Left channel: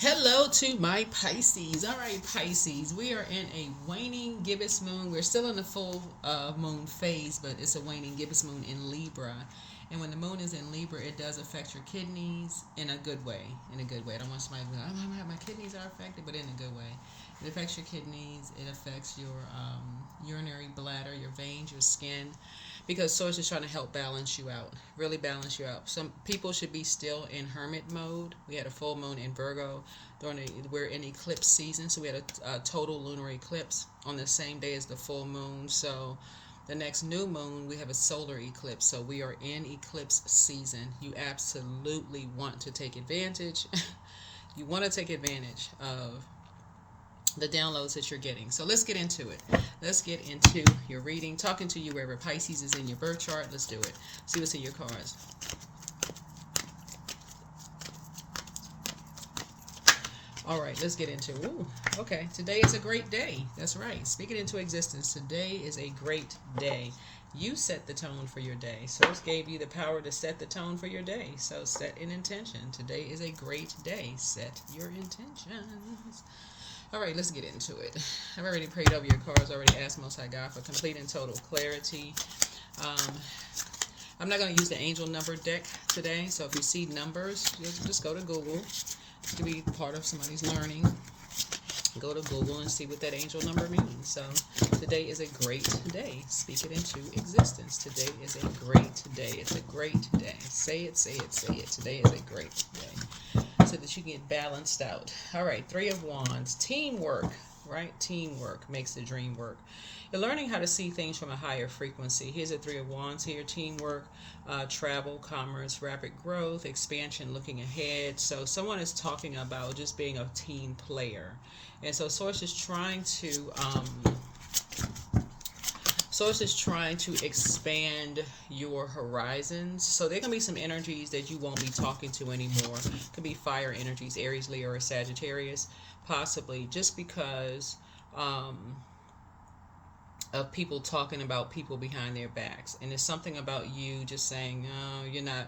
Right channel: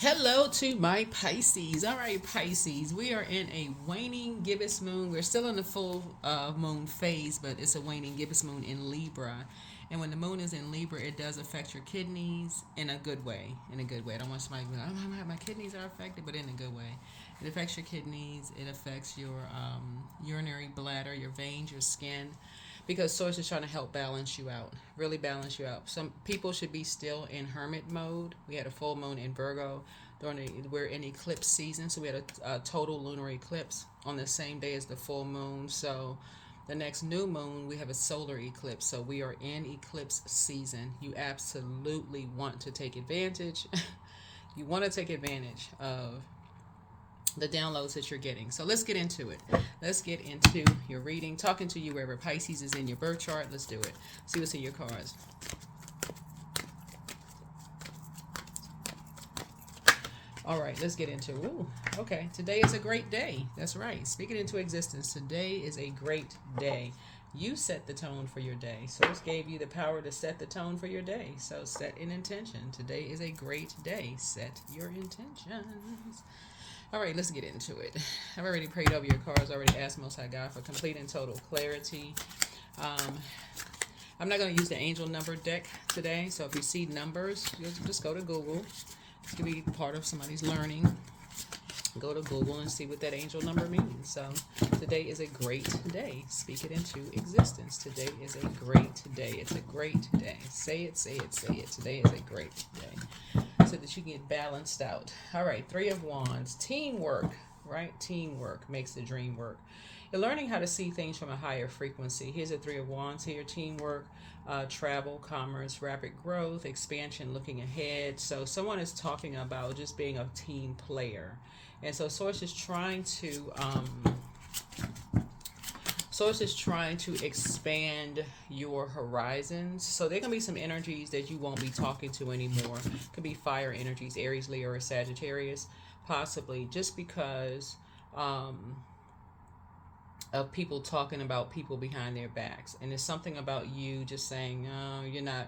Hello to my Pisces. All right, Pisces, we are in a waning gibbous moon. We're still in the full moon phase, but it's a waning gibbous moon in Libra. And when the moon is in Libra, it does affect your kidneys in a good way. In a good way. I don't want somebody to be like, oh, my kidneys are affected, but in a good way. It affects your kidneys. It affects your urinary bladder, your veins, your skin, because Source is trying to help balance you out, really balance you out. Some people should be still in hermit mode. We had a full moon in Virgo. We're in eclipse season, so we had a total lunar eclipse on the same day as the full moon. So the next new moon, we have a solar eclipse. So we are in eclipse season. You absolutely want to take advantage. You want to take advantage of the downloads that you're getting. So let's get into it. Let's get into your reading. Talking to you wherever Pisces is in your birth chart. Let's do it. See what's in your cards. All right, let's get into it. Ooh, okay, today is a great day. That's right. Speak it into existence. Today is a great day. You set the tone for your day. Source gave you the power to set the tone for your day. So set an intention. Today is a great day. Set your intentions. All right, let's get into it. I've already prayed over your cards, already asked Most High God for complete and total clarity. I'm not going to use the angel number deck today, so if you see numbers, just go to Google. It could be part of somebody's learning. Go to Google and see what that angel number means. So today is a great day. Speak it into existence. Today is a great day. It's a great day. Say it, say it, say it. Today is a great day, so that you get balanced out. All right, Three of Wands. Teamwork, right? Teamwork makes the dream work. You're learning how to see things from a higher frequency. Here's a Three of Wands here. Teamwork, travel, commerce, rapid growth, expansion, looking ahead. So someone is talking about just being a team player. And so Source is trying to expand your horizons. So there can be some energies that you won't be talking to anymore. Could be fire energies, Aries, Leo, or Sagittarius, possibly, just because of people talking about people behind their backs. And it's something about you just saying, "No, you're not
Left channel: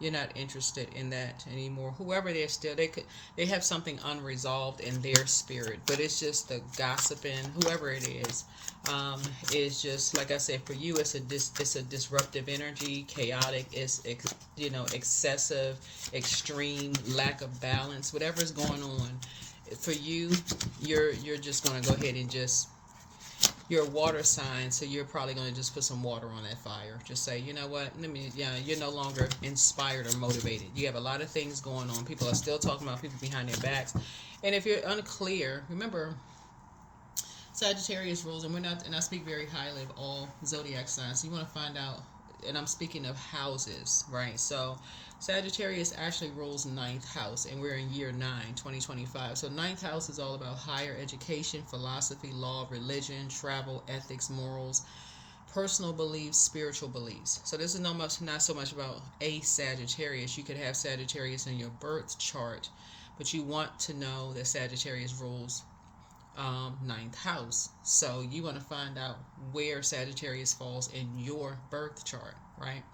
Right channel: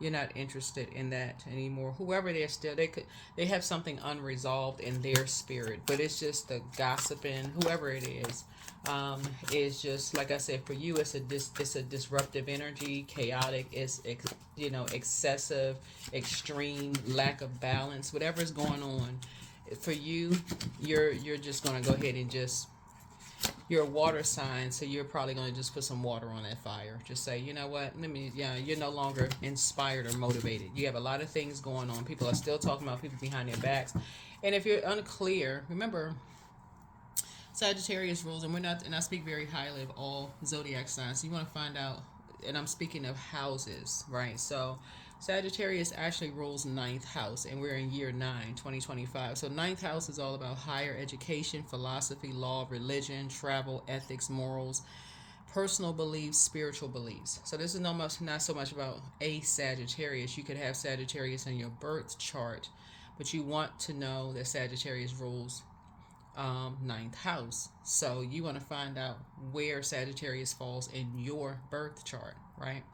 you're not interested in that anymore." Whoever they're still, they have something unresolved in their spirit, but it's just the gossiping. Whoever it is just like I said. For you, it's a disruptive energy, chaotic. It's excessive, extreme lack of balance. Whatever's going on for you, you're just gonna go ahead and just, you're a water sign, so you're probably going to just put some water on that fire. Just say, you know what, you're no longer inspired or motivated. You have a lot of things going on. People are still talking about people behind their backs. And if you're unclear, remember, Sagittarius rules, and I speak very highly of all zodiac signs. So you want to find out, and I'm speaking of houses, right? So Sagittarius actually rules ninth house, and we're in year 9, 2025. So ninth house is all about higher education, philosophy, law, religion, travel, ethics, morals, personal beliefs, spiritual beliefs. So this is not so much about a Sagittarius. You could have Sagittarius in your birth chart, but you want to know that Sagittarius rules ninth house. So you want to find out where Sagittarius falls in your birth chart, right?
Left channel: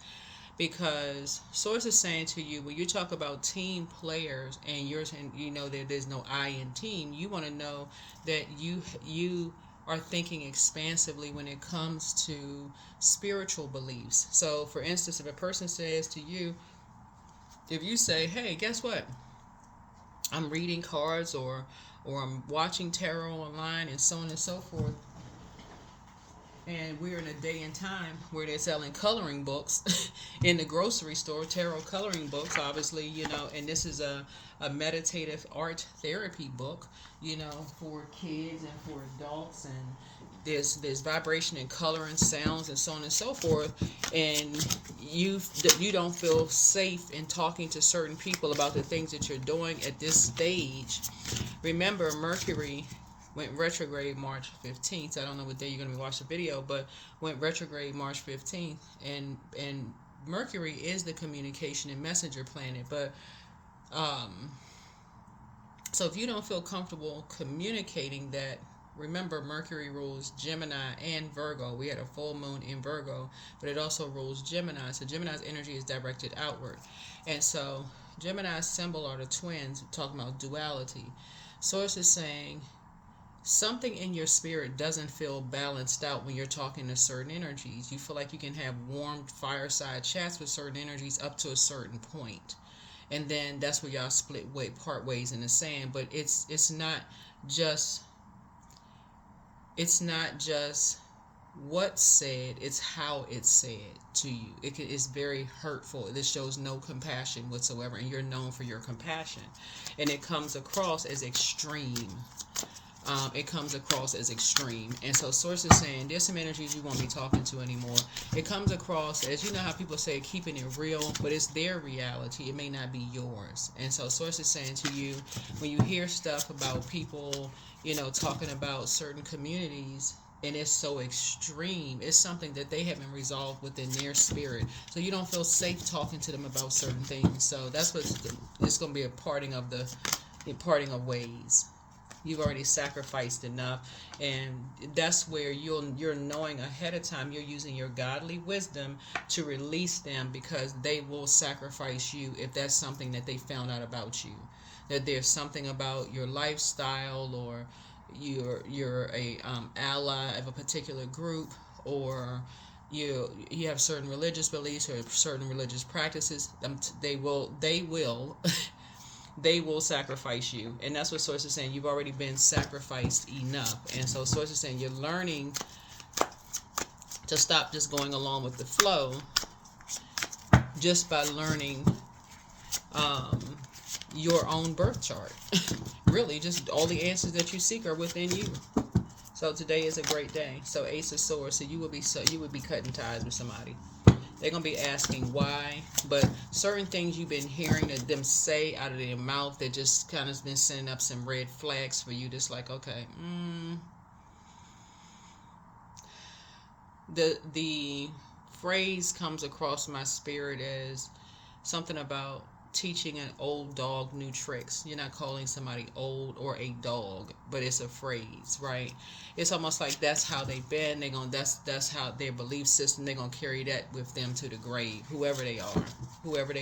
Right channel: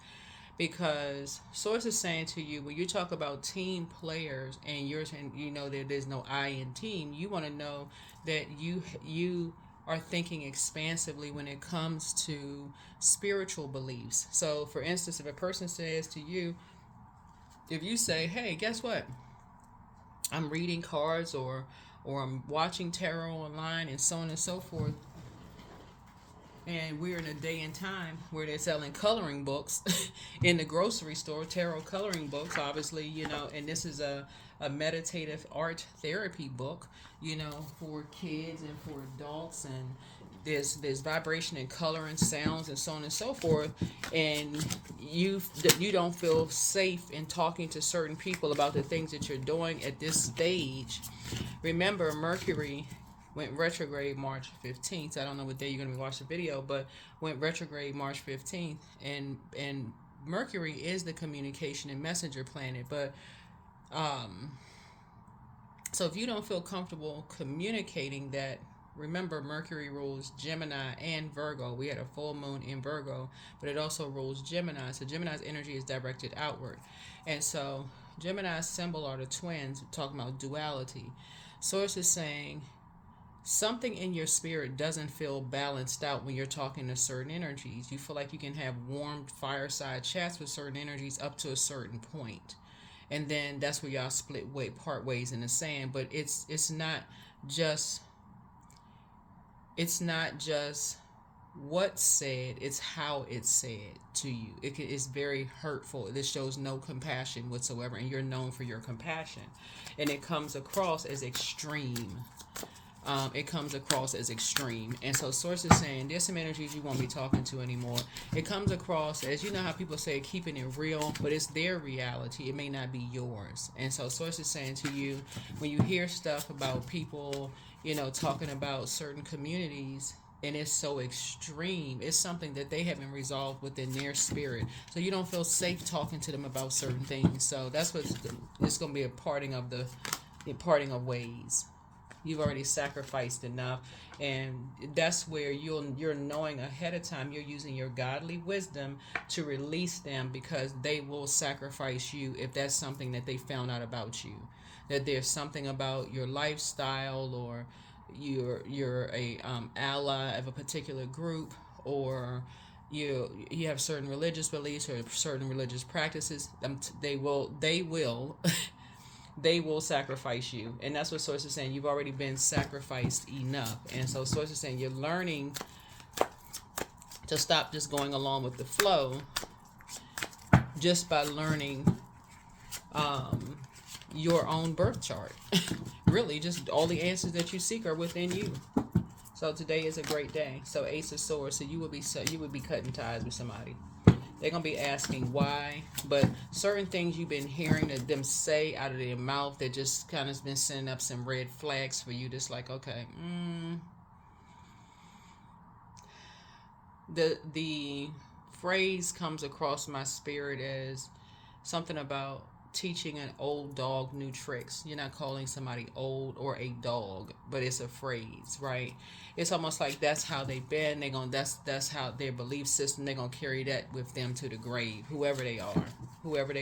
Because Source is saying to you, when you talk about team players and you know that there's no I in team, you want to know that you are thinking expansively when it comes to spiritual beliefs. So for instance, if a person says to you, if you say, hey, guess what, I'm reading cards, or I'm watching tarot online, and so on and so forth, and we're in a day and time where they're selling coloring books in the grocery store, tarot coloring books, obviously, and this is a meditative art therapy book, for kids and for adults, and there's vibration and color and sounds and so on and so forth, and you don't feel safe in talking to certain people about the things that you're doing at this stage. Remember, Mercury went retrograde March 15th. I don't know what day you're going to be watching the video, but went retrograde March 15th, and Mercury is the communication and messenger planet. But so if you don't feel comfortable communicating that, remember, Mercury rules Gemini and Virgo. We had a full moon in Virgo, but it also rules Gemini. So Gemini's energy is directed outward. And so Gemini's symbol are the twins, talking about duality. Source is saying something in your spirit doesn't feel balanced out when you're talking to certain energies. You feel like you can have warm fireside chats with certain energies up to a certain point, and then that's where y'all part ways in the sand. But just it's not just what's said, it's how it's said to you. It's very hurtful. This shows no compassion whatsoever, and you're known for your compassion, and it comes across as extreme. And so source is saying there's some energies you won't be talking to anymore. It comes across as, you know how people say keeping it real, but it's their reality, it may not be yours. And so source is saying to you, when you hear stuff about people, talking about certain communities, and it's so extreme, it's something that they haven't resolved within their spirit, so you don't feel safe talking to them about certain things. So that's what it's going to be, a parting of ways. You've already sacrificed enough, and that's where you're knowing ahead of time. You're using your godly wisdom to release them, because they will sacrifice you if that's something that they found out about you. That there's something about your lifestyle, or you're a ally of a particular group, or you have certain religious beliefs or certain religious practices. They will they will sacrifice you. And that's what source is saying. You've already been sacrificed enough. And so source is saying you're learning to stop just going along with the flow, just by learning your own birth chart. Really, just all the answers that you seek are within you. So today is a great day. So Ace of Swords, so you would be cutting ties with somebody. They're going to be asking why, but certain things you've been hearing them say out of their mouth that just kind of been sending up some red flags for you. Just like, okay, the phrase comes across my spirit as something about teaching an old dog new tricks. You're not calling somebody old or a dog, but it's a phrase, right? It's almost like that's how they've been. That's how their belief system. They're gonna carry that with them to the grave. Whoever they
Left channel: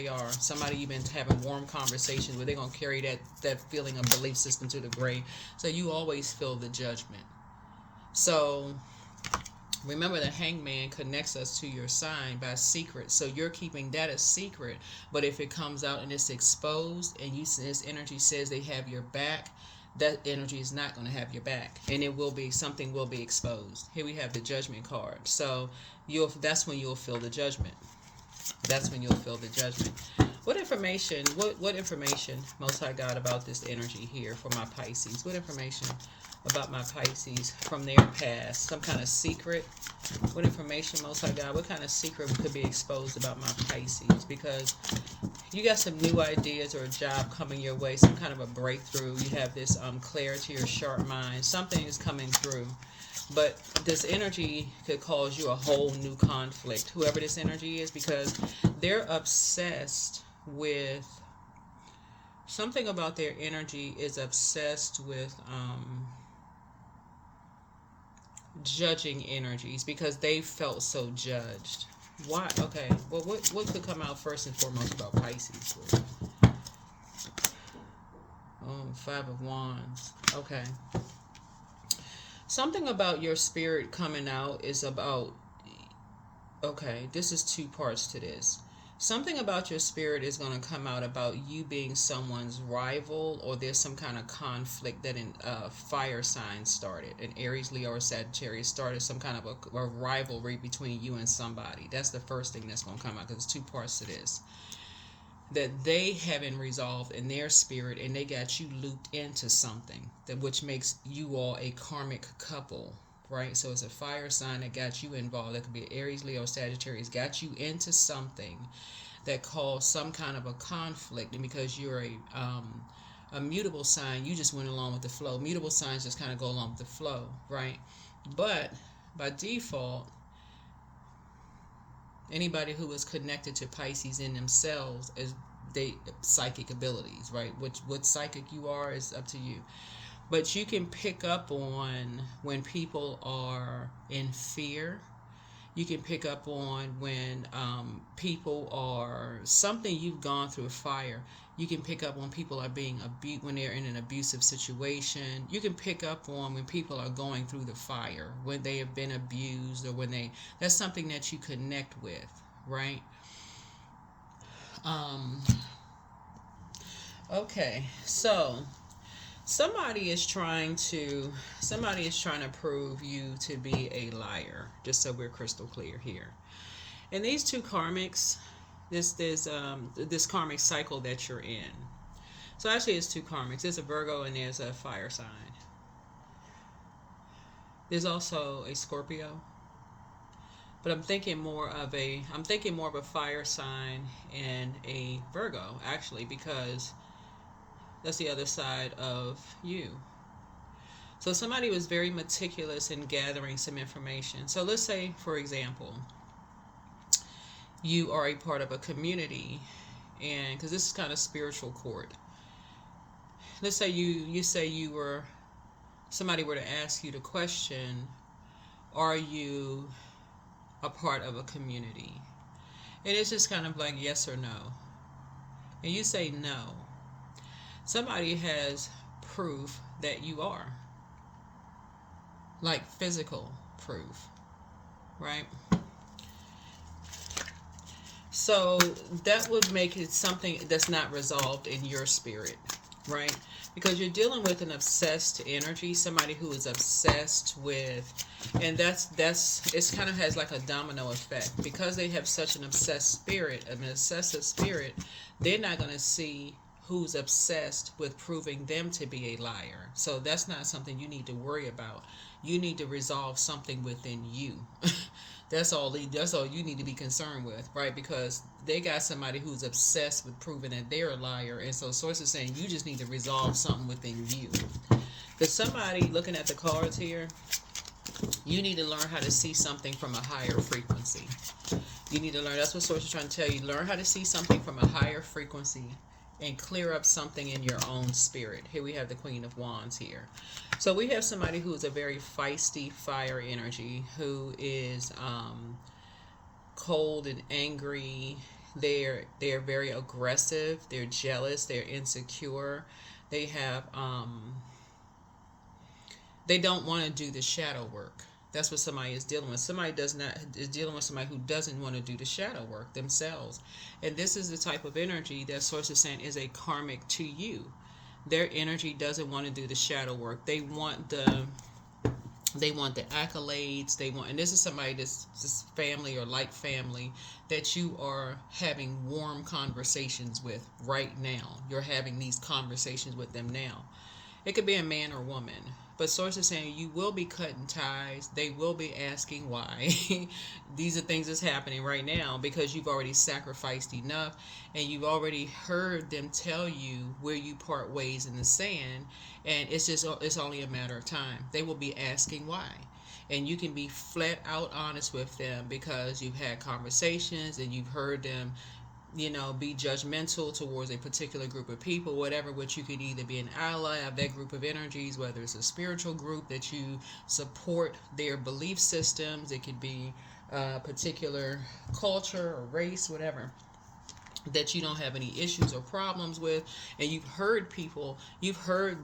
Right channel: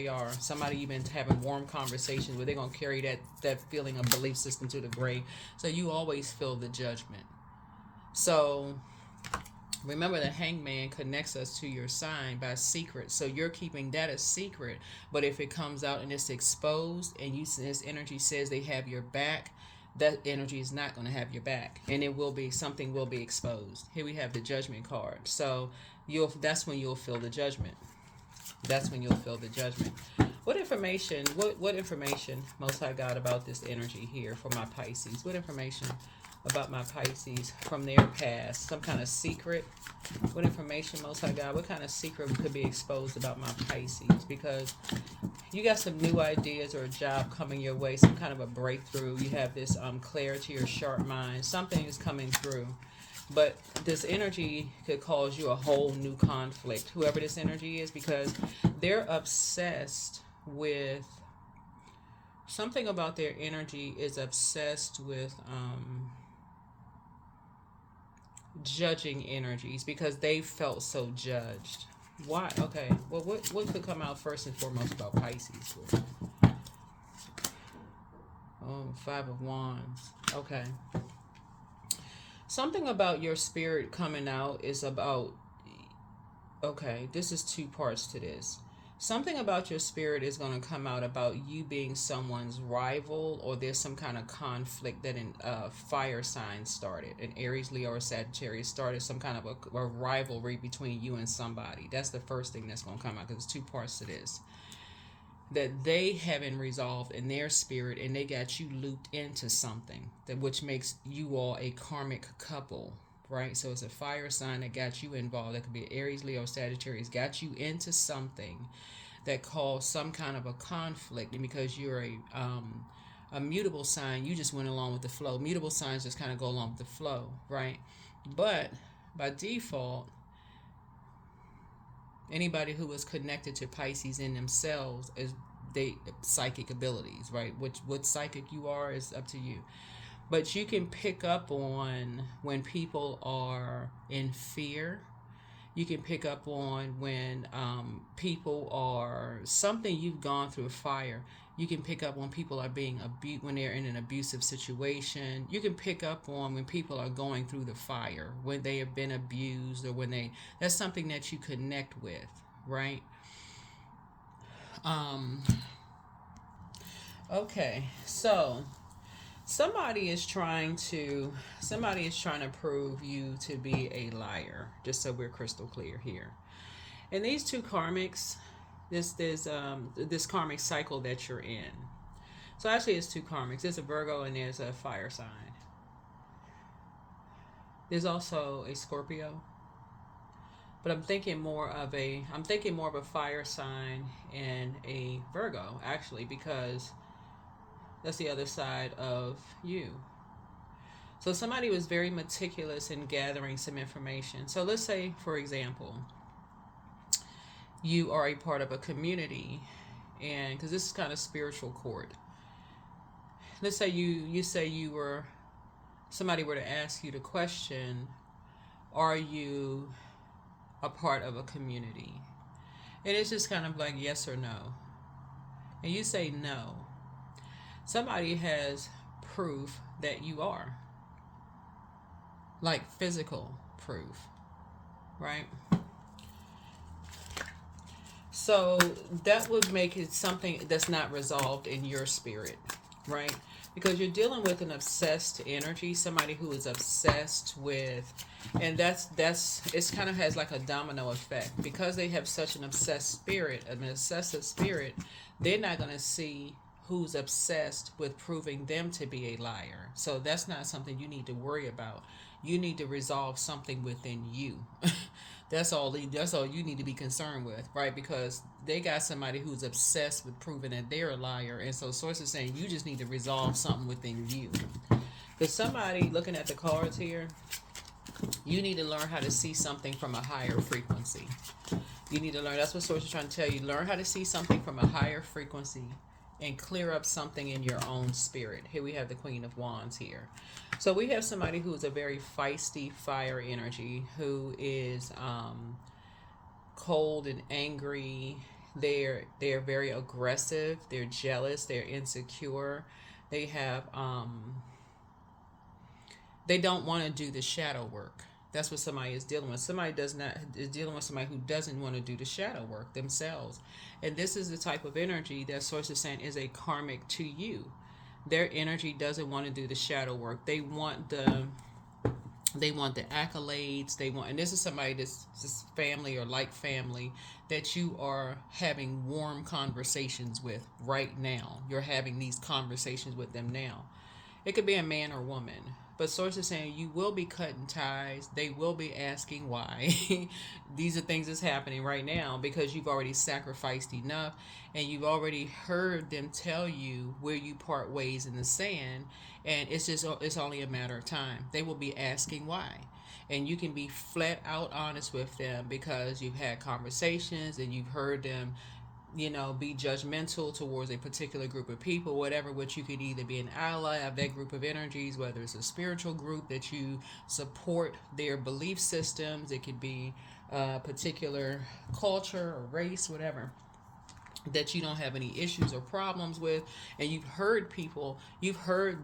are, somebody you've been having warm conversations with, they're gonna carry that feeling of belief system to the grave. So you always feel the judgment. So remember, the hangman connects us to your sign by secret. So you're keeping that a secret. But if it comes out and it's exposed, and this energy says they have your back, that energy is not going to have your back, and something will be exposed. Here we have the judgment card. So that's when you'll feel the judgment. What information Most High God, about this energy here for my Pisces? What information about my Pisces from their past? Some kind of secret? What information, Most High God, what kind of secret could be exposed about my Pisces? Because you got some new ideas or a job coming your way, some kind of a breakthrough. You have this clarity or sharp mind. Something is coming through. But this energy could cause you a whole new conflict, whoever this energy is, because they're obsessed with something about their energy is obsessed with judging energies, because they felt so judged. Why? Okay. Well, what could come out first and foremost about Pisces? Oh, 5 of Wands. Okay. Something about your spirit coming out is about, okay, this is 2 parts to this. Something about your spirit is going to come out about you being someone's rival, or there's some kind of conflict that a fire sign started. An Aries, Leo, or Sagittarius started some kind of a rivalry between you and somebody. That's the first thing that's going to come out, because there's 2 parts to this. That they haven't resolved in their spirit, and they got you looped into something, which makes you all a karmic couple. Right? So it's a fire sign that got you involved. That could be Aries, Leo, Sagittarius. Got you into something that caused some kind of a conflict. And because you're a mutable sign, you just went along with the flow. Mutable signs just kind of go along with the flow, right? But by default, anybody who is connected to Pisces in themselves is psychic abilities, right? What psychic you are is up to you. But you can pick up on when people are in fear, You can pick up on when people are, something you've gone through, fire. You can pick up when people are being abused, when they're in an abusive situation. You can pick up on when people are going through the fire, when they have been abused, or when that's something that you connect with, right? Um, okay, so somebody is trying to prove you to be a liar, just so we're crystal clear here. And these two karmics, this karmic cycle that you're in. So actually it's two karmics. There's a Virgo and there's a fire sign. There's also a Scorpio. But I'm thinking more of a fire sign and a Virgo, actually, because that's the other side of you. So somebody was very meticulous in gathering some information. So let's say, for example, you are a part of a community, and because this is kind of spiritual court. Let's say somebody were to ask you the question, are you a part of a community? And it's just kind of like yes or no. And you say no. Somebody has proof that you are. Like physical proof, right? So that would make it something that's not resolved in your spirit, right? Because you're dealing with an obsessed energy, somebody who is obsessed with, and it kind of has like a domino effect. Because they have such an obsessed spirit, an obsessive spirit, they're not going to see who's obsessed with proving them to be a liar. So that's not something you need to worry about. You need to resolve something within you. That's all you need to be concerned with, right? Because they got somebody who's obsessed with proving that they're a liar. And so source is saying you just need to resolve something within you. But somebody looking at the cards here, you need to learn how to see something from a higher frequency. You need to learn, that's what source is trying to tell you. Learn how to see something from a higher frequency and clear up something in your own spirit. Here we have the Queen of Wands here. So we have somebody who is a very feisty fire energy, who is cold and angry. They're very aggressive. They're jealous. They're insecure. They have they don't want to do the shadow work. That's what somebody is dealing with. Somebody is dealing with somebody who doesn't want to do the shadow work themselves. And this is the type of energy that source is saying is a karmic to you. Their energy doesn't want to do the shadow work. They want the accolades. And this is somebody that's just family or like family that you are having warm conversations with right now. You're having these conversations with them now. It could be a man or woman. But source is saying you will be cutting ties. They will be asking why. These are things that's happening right now because you've already sacrificed enough, and you've already heard them tell you where you part ways in the sand, and it's only a matter of time. They will be asking why. And you can be flat out honest with them because you've had conversations and you've heard them be judgmental towards a particular group of people, whatever, which you could either be an ally of that group of energies, whether it's a spiritual group that you support their belief systems, it could be a particular culture or race, whatever, that you don't have any issues or problems with. And you've heard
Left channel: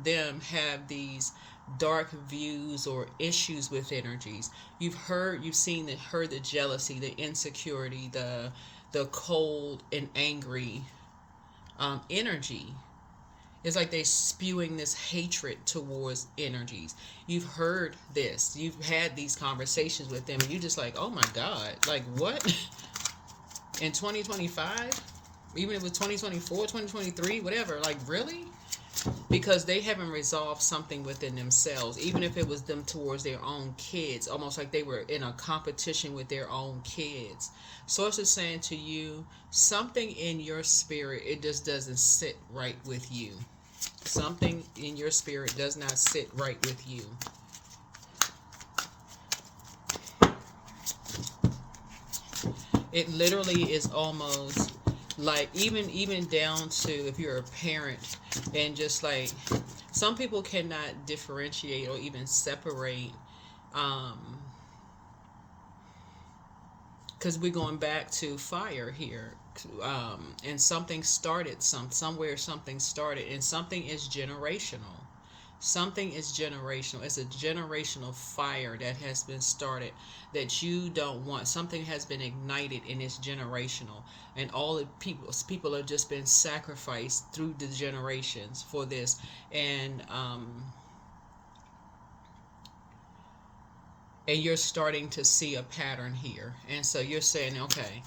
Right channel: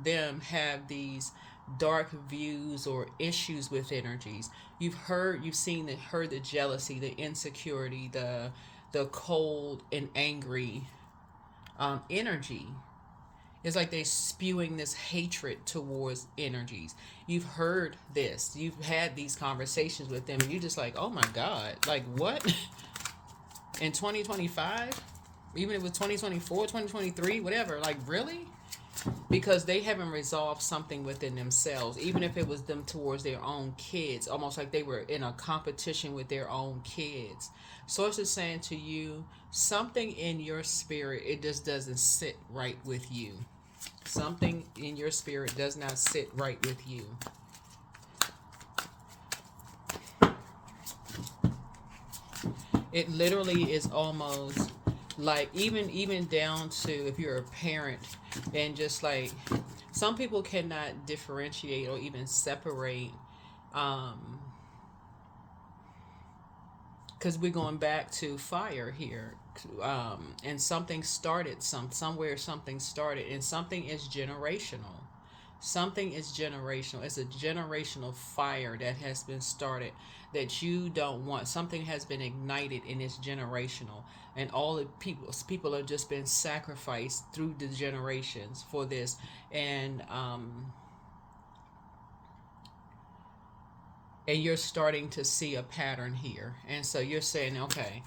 them have these dark views or issues with energies. Heard the jealousy, the insecurity, the cold and angry energy. It's like they're spewing this hatred towards energies. You've heard this. You've had these conversations with them. And you're just like, oh my God. Like what? In 2025? Even if it's 2024, 2023, whatever. Like really? Because they haven't resolved something within themselves. Even if it was them towards their own kids. Almost like they were in a competition with their own kids. Source is saying to you, something in your spirit, it just doesn't sit right with you. Something in your spirit does not sit right with you. It literally is almost like even down to if you're a parent, and just like some people cannot differentiate or even separate because we're going back to fire here, and something started, somewhere something started, and something is generational. Something is generational. It's a generational fire that has been started that you don't want. Something has been ignited and it's generational. And all the people have just been sacrificed through the generations for this. And you're starting to see a pattern here. And so you're saying, okay,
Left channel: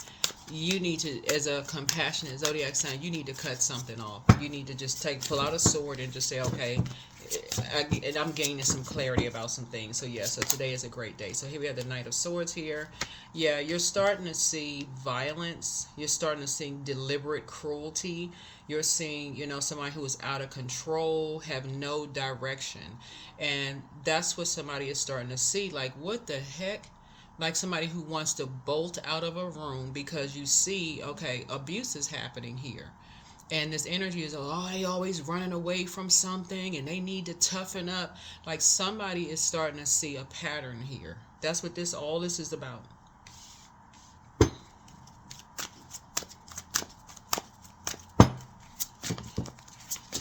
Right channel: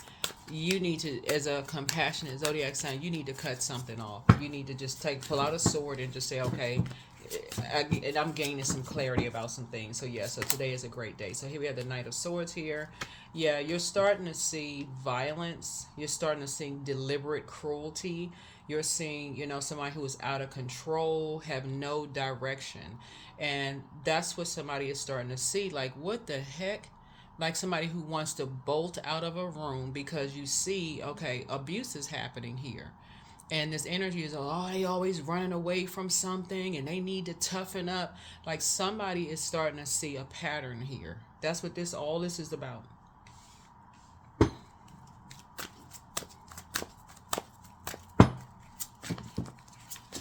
you need to, as a compassionate zodiac sign, you need to cut something off. You need to just pull out a sword and just say, okay, and I'm gaining some clarity about some things. So yeah, so today is a great day. So here we have the Knight of Swords here. Yeah, you're starting to see violence. You're starting to see deliberate cruelty. You're seeing, somebody who is out of control, have no direction. And that's what somebody is starting to see. Like, what the heck? Like somebody who wants to bolt out of a room because you see, okay, abuse is happening here. And this energy is, they always running away from something and they need to toughen up. Like somebody is starting to see a pattern here. That's what all this is about.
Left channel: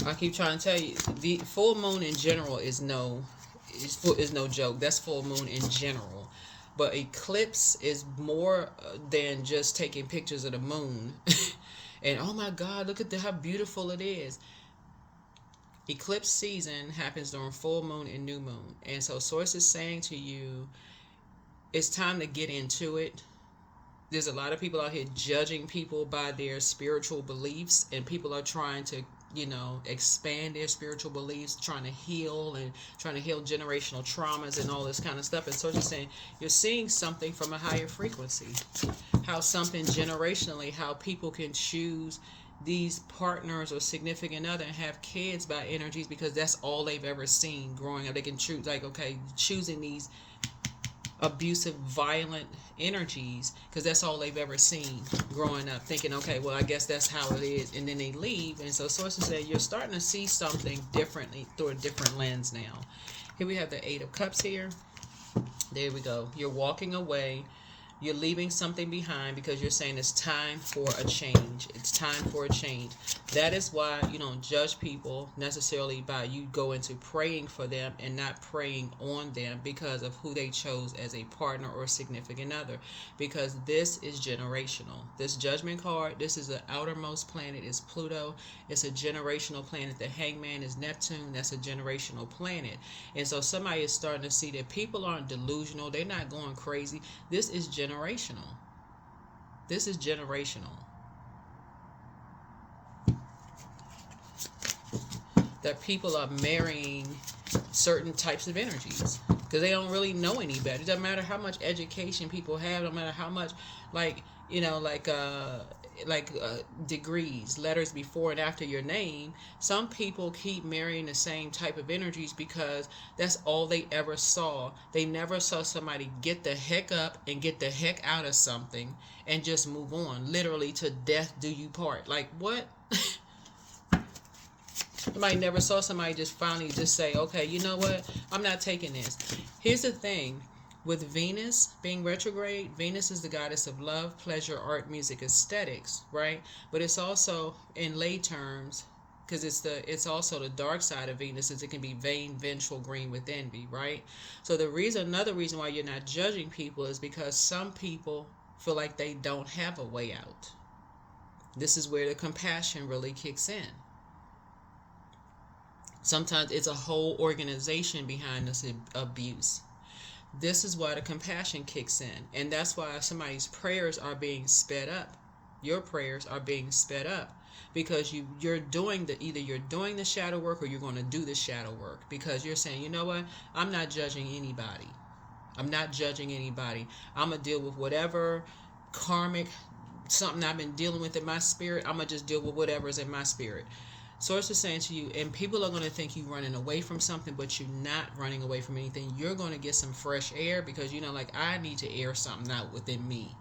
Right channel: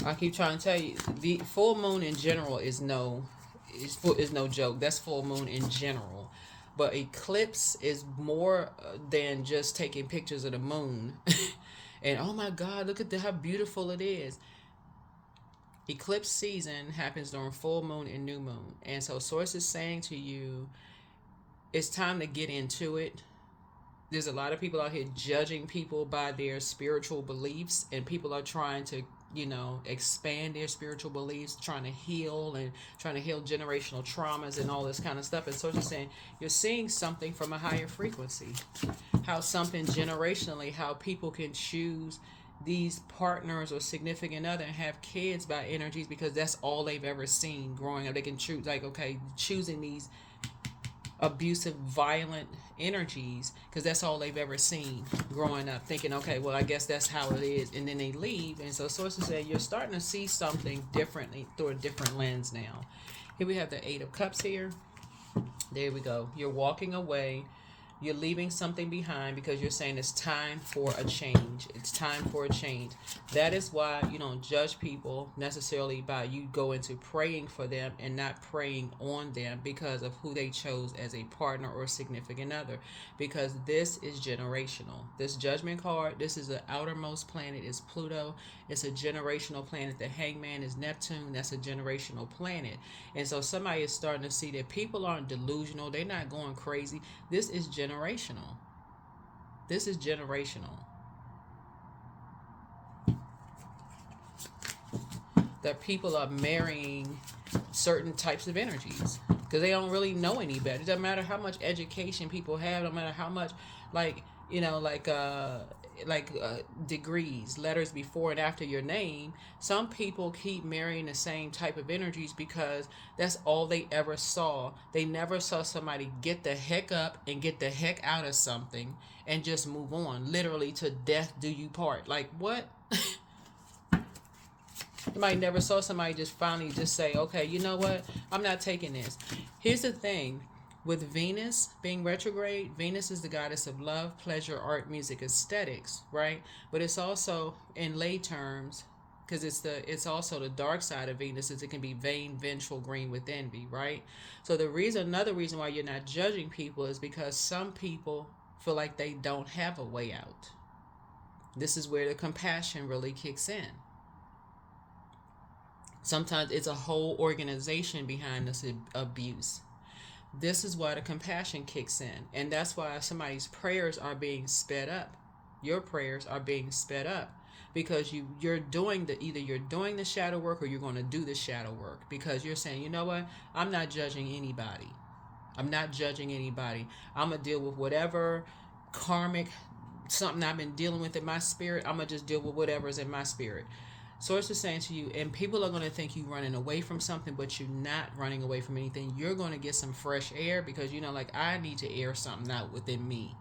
I keep trying to tell you, the full moon in general is no joke. That's full moon in general. But eclipse is more than just taking pictures of the moon. And oh my God, look at how beautiful it is. Eclipse season happens during full moon and new moon. And so Source is saying to you, it's time to get into it. There's a lot of people out here judging people by their spiritual beliefs, and people are trying to, expand their spiritual beliefs, trying to heal generational traumas and all this kind of stuff. And so you're saying you're seeing something from a higher frequency, how something generationally, how people can choose these partners or significant other and have kids by energies because that's all they've ever seen growing up. They can choose, like, okay, choosing these abusive, violent energies because that's all they've ever seen growing up, thinking, okay, well, I guess that's how it is, and then they leave. And so Sources said you're starting to see something differently through a different lens now. Here we have the Eight of Cups here. There we go. You're walking away. You're leaving something behind because you're saying it's time for a change. It's time for a change. That is why you don't judge people necessarily by you go into praying for them and not praying on them because of who they chose as a partner or significant other. Because this is generational. This Judgment card, this is the outermost planet, is Pluto. It's a generational planet. The Hangman is Neptune. That's a generational planet. And so somebody is starting to see that people aren't delusional. They're not going crazy. This is generational. This is generational. That people are marrying certain types of energies because they don't really know any better. It doesn't matter how much education people have. No matter how much, degrees, letters before and after your name. Some people keep marrying the same type of energies because that's all they ever saw. They never saw somebody get the heck up and get the heck out of something and just move on. Literally, to death do you part. Like, what? Somebody never saw somebody just finally just say, okay, you know what? I'm not taking this. Here's the thing. With Venus being retrograde, Venus is the goddess of love, pleasure, art, music, aesthetics, right? But it's also, in lay terms, because it's also the dark side of Venus, is it can be vain, vengeful, green with envy, right? So another reason why you're not judging people is because some people feel like they don't have a way out. This is where the compassion really kicks in. Sometimes it's a whole organization behind this abuse. This is why the compassion kicks in. And that's why somebody's prayers are being sped up. Your prayers are being sped up. Because you're doing the shadow work, or you're going to do the shadow work. Because you're saying, you know what? I'm not judging anybody. I'm not judging anybody. I'm going to deal with whatever karmic, something I've been dealing with in my spirit. I'm going to just deal with whatever's in my spirit. Source is saying to you, and people are going to think you're running away from something, but you're not running away from anything. You're going to get some fresh air because, I need to air something out within me.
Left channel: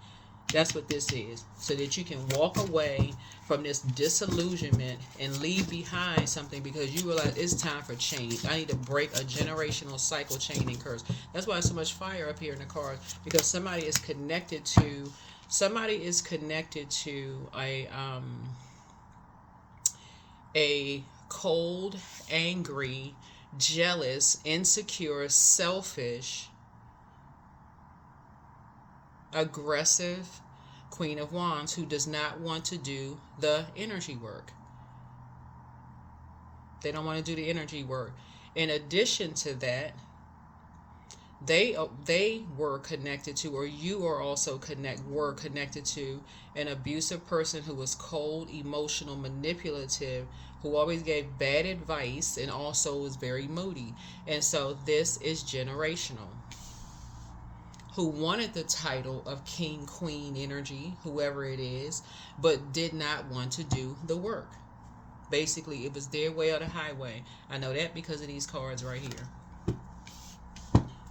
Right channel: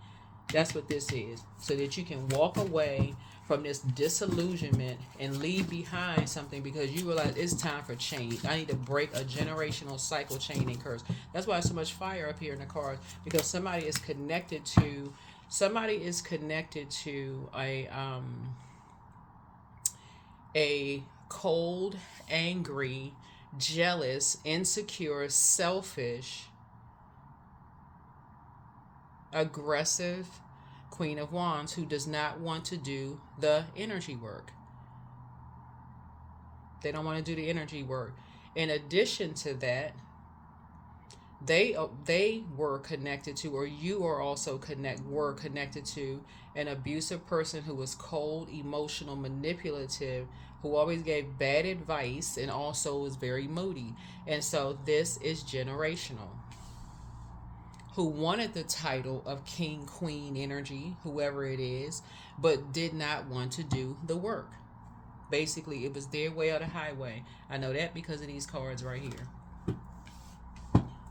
That's what this is. So that you can walk away from this disillusionment and leave behind something because you realize it's time for change. I need to break a generational cycle, chain, and curse. That's why there's so much fire up here in the cards, because somebody is connected to Somebody is connected to a cold, angry, jealous, insecure, selfish, aggressive Queen of Wands who does not want to do the energy work. They don't want to do the energy work. In addition to that, they were connected to, or you are also connected to an abusive person who was cold, emotional, manipulative, who always gave bad advice and also was very moody. And so this is generational. Who wanted the title of King, Queen energy, whoever it is, but did not want to do the work. Basically, it was their way or the highway. I know that because of these cards right here.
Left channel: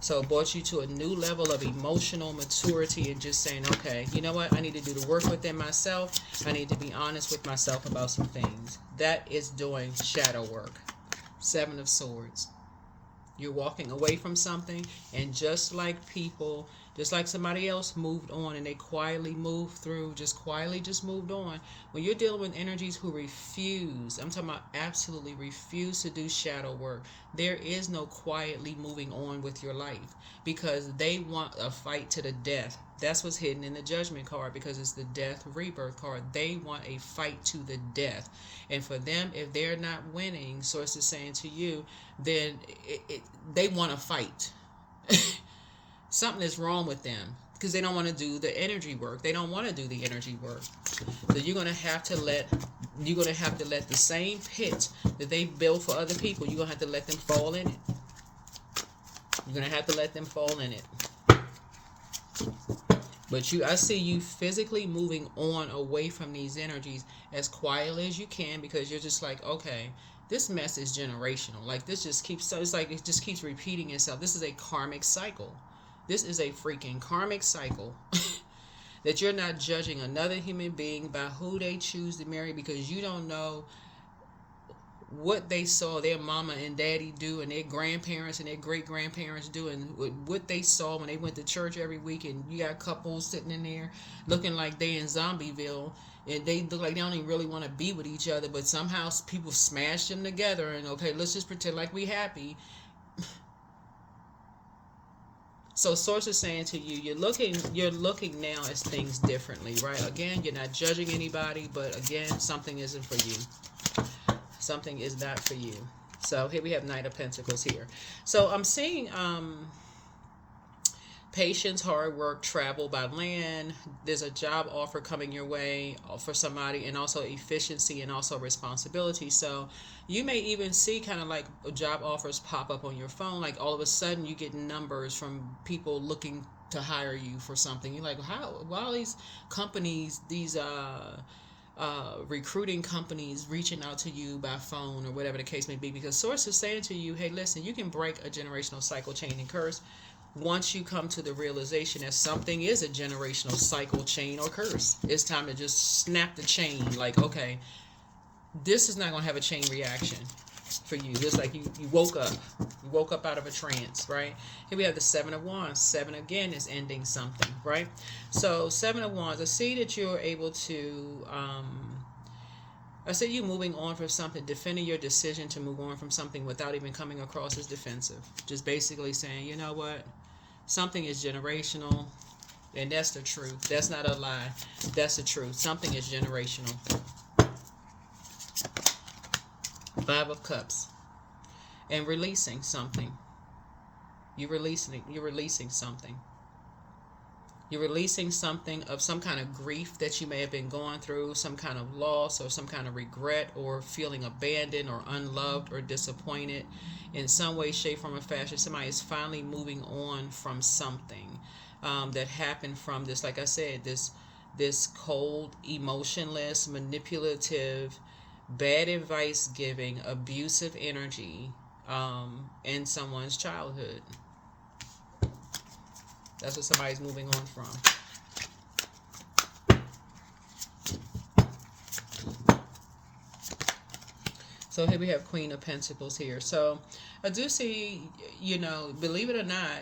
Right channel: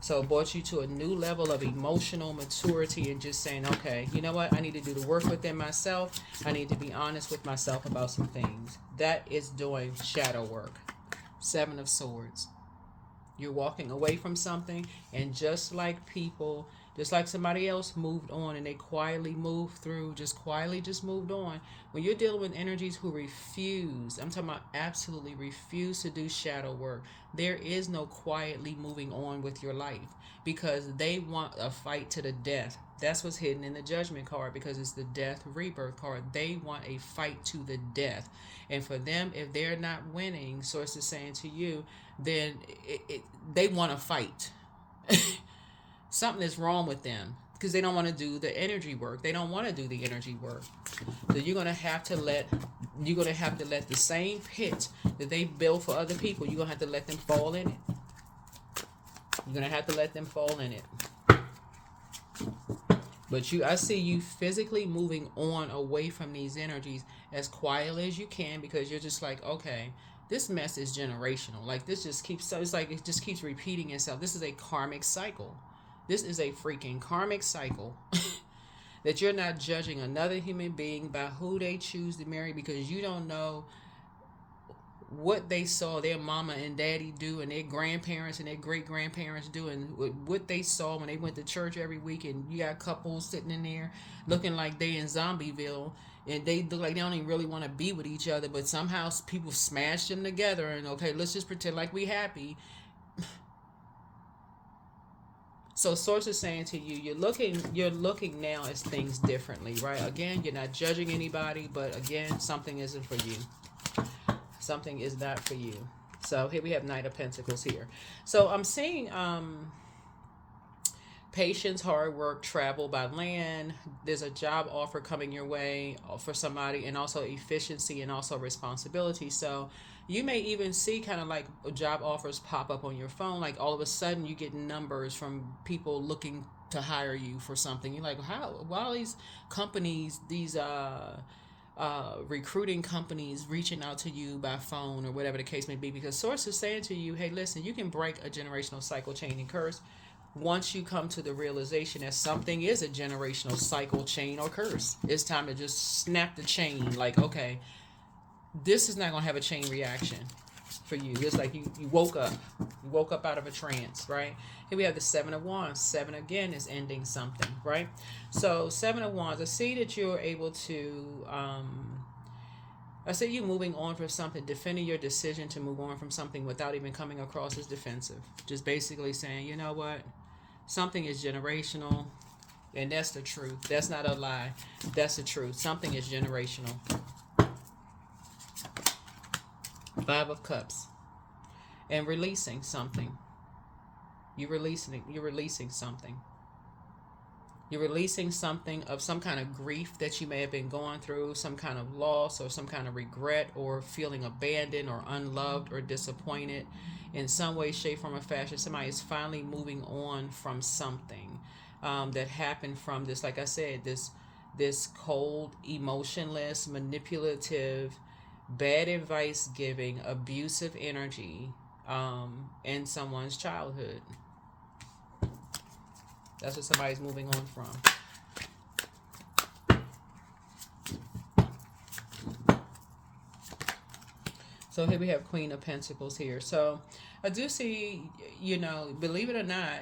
So it brought you to a new level of emotional maturity and just saying, okay, you know what? I need to do the work within myself. I need to be honest with myself about some things. That is doing shadow work. 7 of Swords. You're walking away from something, and just like somebody else moved on and they quietly moved through, just moved on. When you're dealing with energies who refuse, I'm talking about absolutely refuse to do shadow work, there is no quietly moving on with your life because they want a fight to the death. That's what's hidden in the Judgment card because it's the death rebirth card. They want a fight to the death. And for them, if they're not winning, Source is saying to you, then they want to fight. Something is wrong with them because they don't want to do the energy work. They don't want to do the energy work. So you're gonna have to let the same pit that they build for other people. You're gonna have to let them fall in it. You're gonna have to let them fall in it. But I see you physically moving on away from these energies as quietly as you can because you're just like, okay, this mess is generational. Like this just keeps, it's like it just keeps repeating itself. This is a karmic cycle. This is a freaking karmic cycle that you're not judging another human being by who they choose to marry because you don't know what they saw their mama and daddy do and their grandparents and their great-grandparents do and what they saw when they went to church every week, and you got couples sitting in there looking like they in Zombieville and they look like they don't even really want to be with each other, but somehow people smash them together and okay, let's just pretend like we happy. So Source is saying to you, you're looking now at things differently, right? Again, you're not judging anybody, but again, something isn't for you. Something is not for you. So here we have Knight of Pentacles here. So I'm seeing patience, hard work, travel by land. There's a job offer coming your way for somebody, and also efficiency and also responsibility. So you may even see kind of like job offers pop up on your phone. Like all of a sudden you get numbers from people looking to hire you for something. You're like, how? Why these companies, these recruiting companies reaching out to you by phone or whatever the case may be, because Source is saying to you, hey, listen, you can break a generational cycle, chain, and curse once you come to the realization that something is a generational cycle, chain, or curse. It's time to just snap the chain. Like, okay, this is not going to have a chain reaction for you. It's like you woke up. You woke up out of a trance, right? Here we have the 7 of Wands. 7 again is ending something, right? So 7 of Wands, I see that you're able to, I see you moving on from something, defending your decision to move on from something without even coming across as defensive. Just basically saying, you know what? Something is generational, and that's the truth. That's not a lie. That's the truth. Something is generational. 5 of Cups. And releasing something. You're releasing something. You're releasing something of some kind of grief that you may have been going through, some kind of loss or some kind of regret or feeling abandoned or unloved or disappointed in some way, shape, form, or fashion. Somebody is finally moving on from something that happened from this, like I said, this cold, emotionless, manipulative, bad advice giving, abusive energy in someone's childhood. That's what somebody's moving on from. So here we have Queen of Pentacles here. So I do see, you know, believe it or not,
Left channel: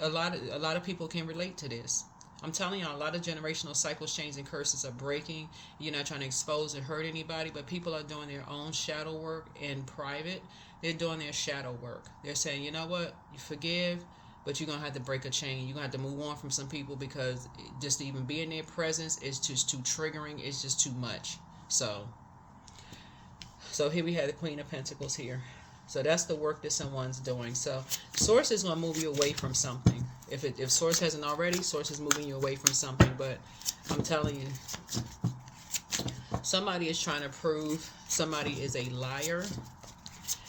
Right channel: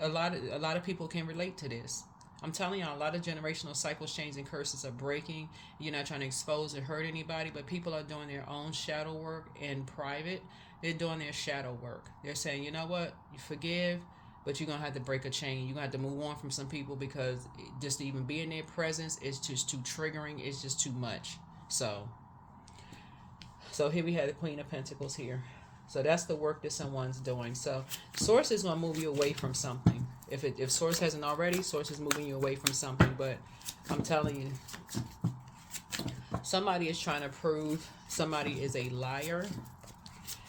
a lot of people can relate to this. I'm telling you, a lot of generational cycles, chains, and curses are breaking. You're not trying to expose and hurt anybody, but people are doing their own shadow work in private. They're doing their shadow work. They're saying, you know what, you forgive, but you're going to have to break a chain. You're going to have to move on from some people because just to even be in their presence is just too triggering. It's just too much. So here we have the Queen of Pentacles here. So that's the work that someone's doing. So Source is going to move you away from something. If Source hasn't already, Source is moving you away from something. But I'm telling you, somebody is trying to prove somebody is a liar.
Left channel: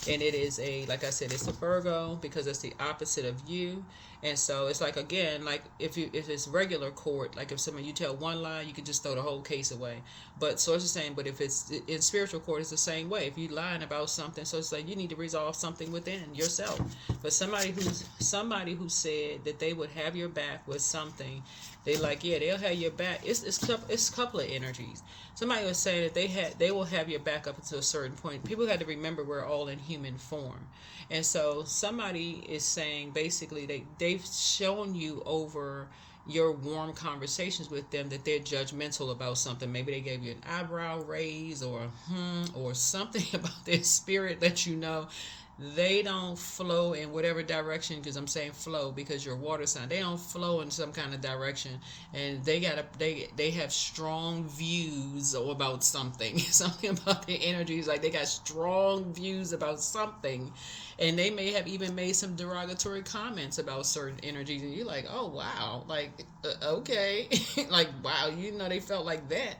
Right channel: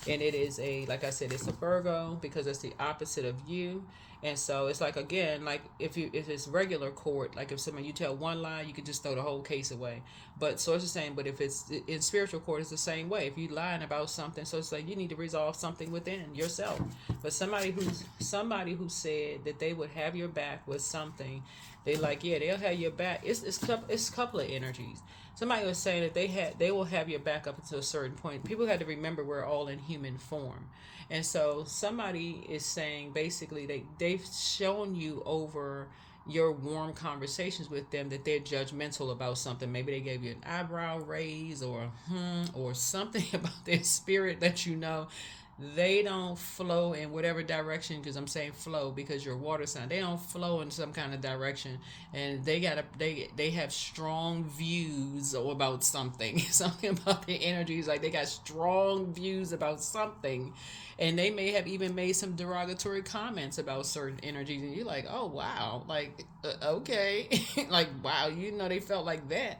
And it is like I said, it's a Virgo because it's the opposite of you. And so it's like, again, like if it's regular court, like if someone, you tell one lie, you can just throw the whole case away. But so it's the same. But if it's in spiritual court, it's the same way. If you're lying about something, so it's like you need to resolve something within yourself. But somebody who said that they would have your back with something, they like, yeah, they'll have your back. It's a couple of energies. Somebody was saying that they will have your back up until a certain point. People had to remember we're all in human form. And so somebody is saying basically they've shown you over your warm conversations with them that they're judgmental about something. Maybe they gave you an eyebrow raise or something about their spirit that you know they don't flow in whatever direction, because I'm saying flow because you're water sign. They don't flow in some kind of direction, and they have strong views about something. Something about their energies, like they got strong views about something, and they may have even made some derogatory comments about certain energies, and you're like, oh wow, like okay, like wow, they felt like that.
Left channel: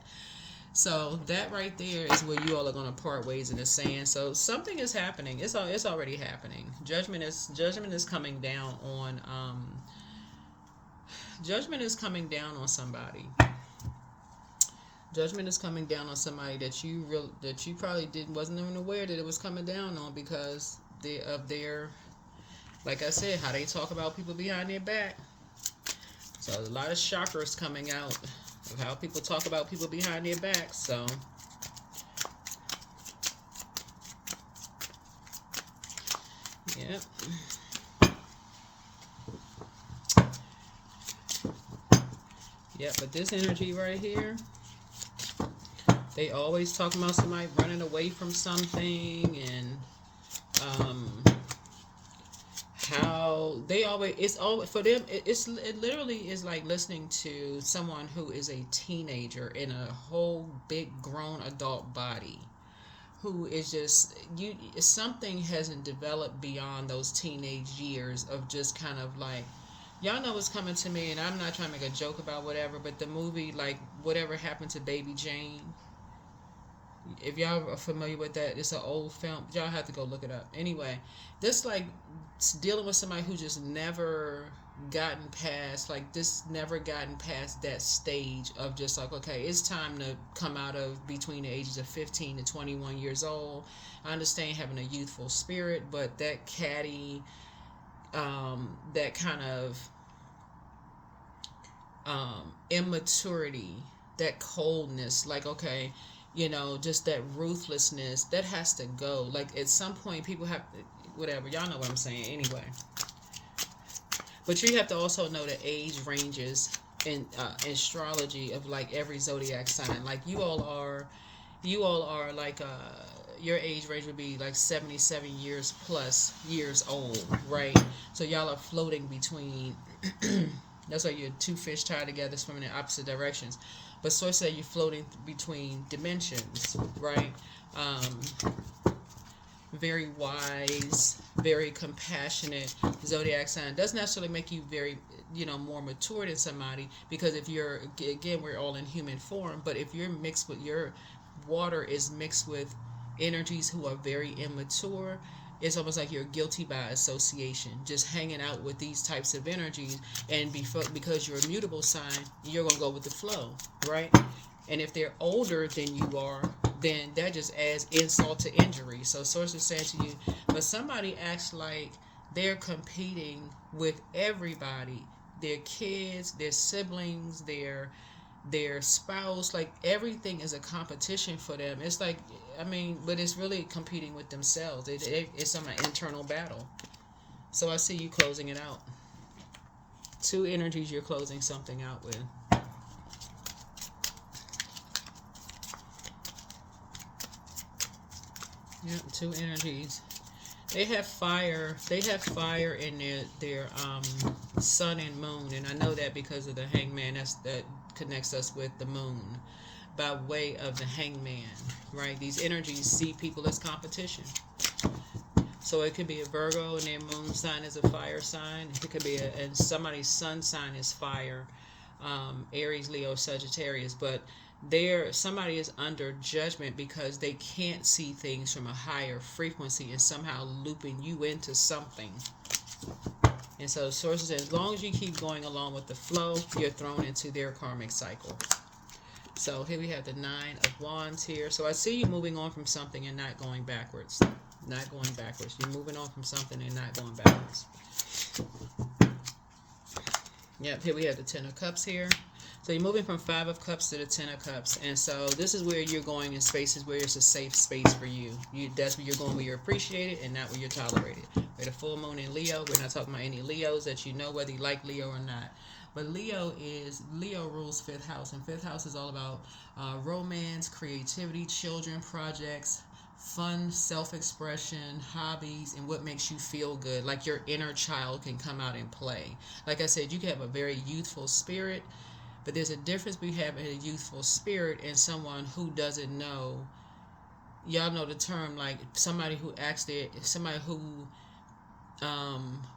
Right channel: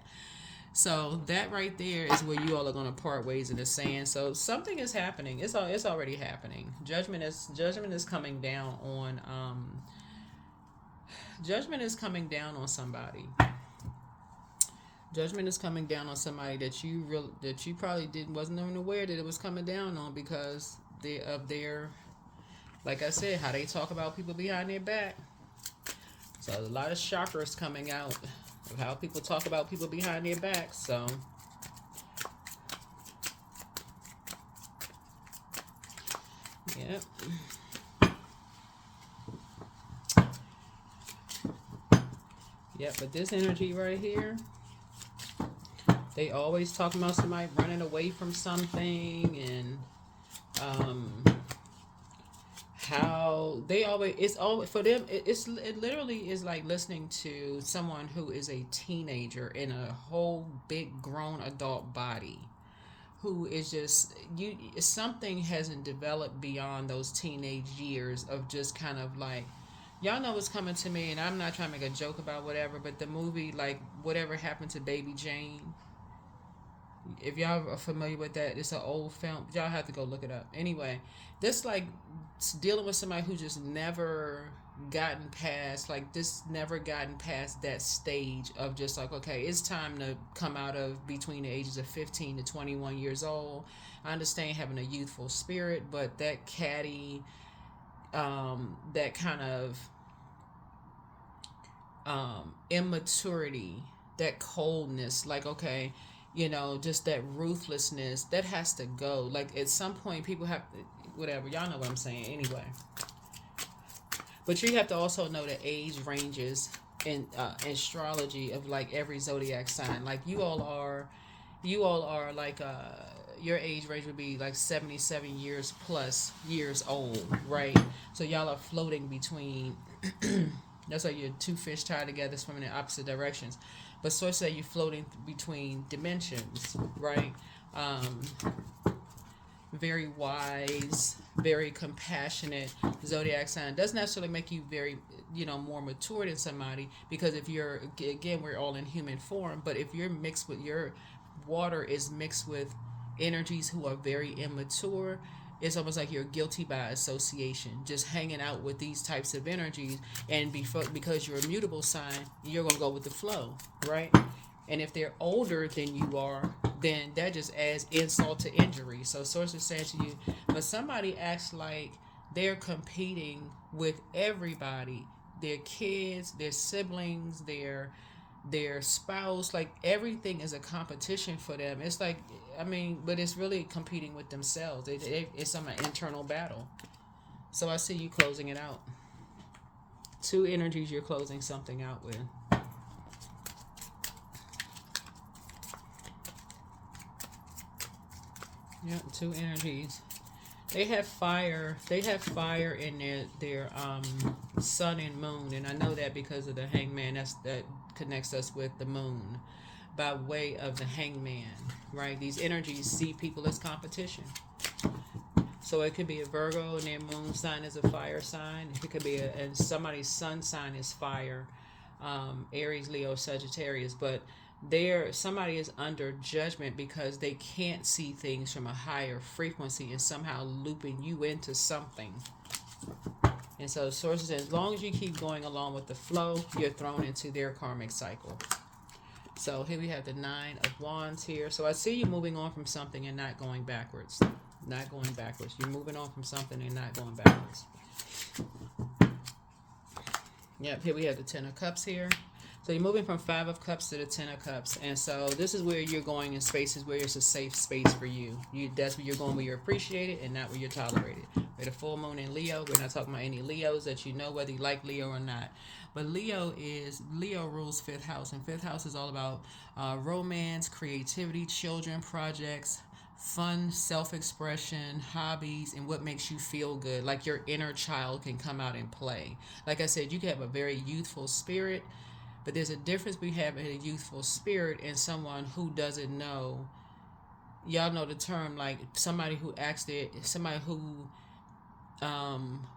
So that right there is where you all are going to part ways in the sand. So something is happening. It's already happening. Judgment is coming down on judgment is coming down on somebody. Judgment is coming down on somebody that you probably wasn't even aware that it was coming down on because of their, like I said, how they talk about people behind their back. So a lot of chakras coming out of how people talk about people behind their backs. So yeah. Yeah, but this energy right here, they always talking about somebody running away from something, and how they always, it's always for them, it literally is like listening to someone who is a teenager in a whole big grown adult body, who is just, something hasn't developed beyond those teenage years of just kind of like, y'all know what's coming to me, and I'm not trying to make a joke about whatever, but the movie, like, Whatever Happened to Baby Jane, if y'all are familiar with that, it's an old film. Y'all have to go look it up. Anyway, this like dealing with somebody who just never gotten past that stage of just like, okay, it's time to come out of between the ages of 15 to 21 years old. I understand having a youthful spirit, but that catty, that kind of immaturity, that coldness, like, okay, just that ruthlessness, that has to go. Like, at some point, people have, whatever, y'all know what I'm saying anyway. But you have to also know the age ranges in astrology of, like, every zodiac sign. Like, you all are like, your age range would be like 77 years plus years old, right? So y'all are floating between, that's why you're two fish tied together swimming in opposite directions. But source say you're floating between dimensions, right? Very wise, very compassionate zodiac sign. Doesn't necessarily make you very, more mature than somebody, because if you're, again, we're all in human form, but if you're mixed with, your water is mixed with energies who are very immature, it's almost like you're guilty by association, just hanging out with these types of energies. And because you're a mutable sign, you're going to go with the flow, right? And if they're older than you are, then that just adds insult to injury. So source is saying to you, but somebody acts like they're competing with everybody, their kids, their siblings, their spouse, like everything is a competition for them. It's like, but it's really competing with themselves. It's an internal battle. So I see you closing it out. Two energies you're closing something out with. Yep, two energies. They have fire. They have fire in their sun and moon, and I know that because of the hangman. That connects us with the moon by way of the hangman, right? These energies see people as competition. So it could be a Virgo and their moon sign is a fire sign. It could be and somebody's sun sign is fire, Aries, Leo, Sagittarius. But somebody is under judgment because they can't see things from a higher frequency and somehow looping you into something. And so sources, as long as you keep going along with the flow, you're thrown into their karmic cycle. So here we have the Nine of Wands here. So I see you moving on from something and not going backwards. Not going backwards. You're moving on from something and not going backwards. Yep, here we have the Ten of Cups here. So you're moving from Five of Cups to the Ten of Cups. And so this is where you're going in spaces where it's a safe space for you. That's where you're going where you're appreciated and not where you're tolerated. With a full moon in Leo, we're not talking about any Leos that you know whether you like Leo or not. But Leo rules fifth house. And fifth house is all about romance, creativity, children, projects, fun, self-expression, hobbies, and what makes you feel good. Like your inner child can come out and play. Like I said, you can have a very youthful spirit, but there's a difference between having a youthful spirit and someone who doesn't know. Y'all know the term, like somebody who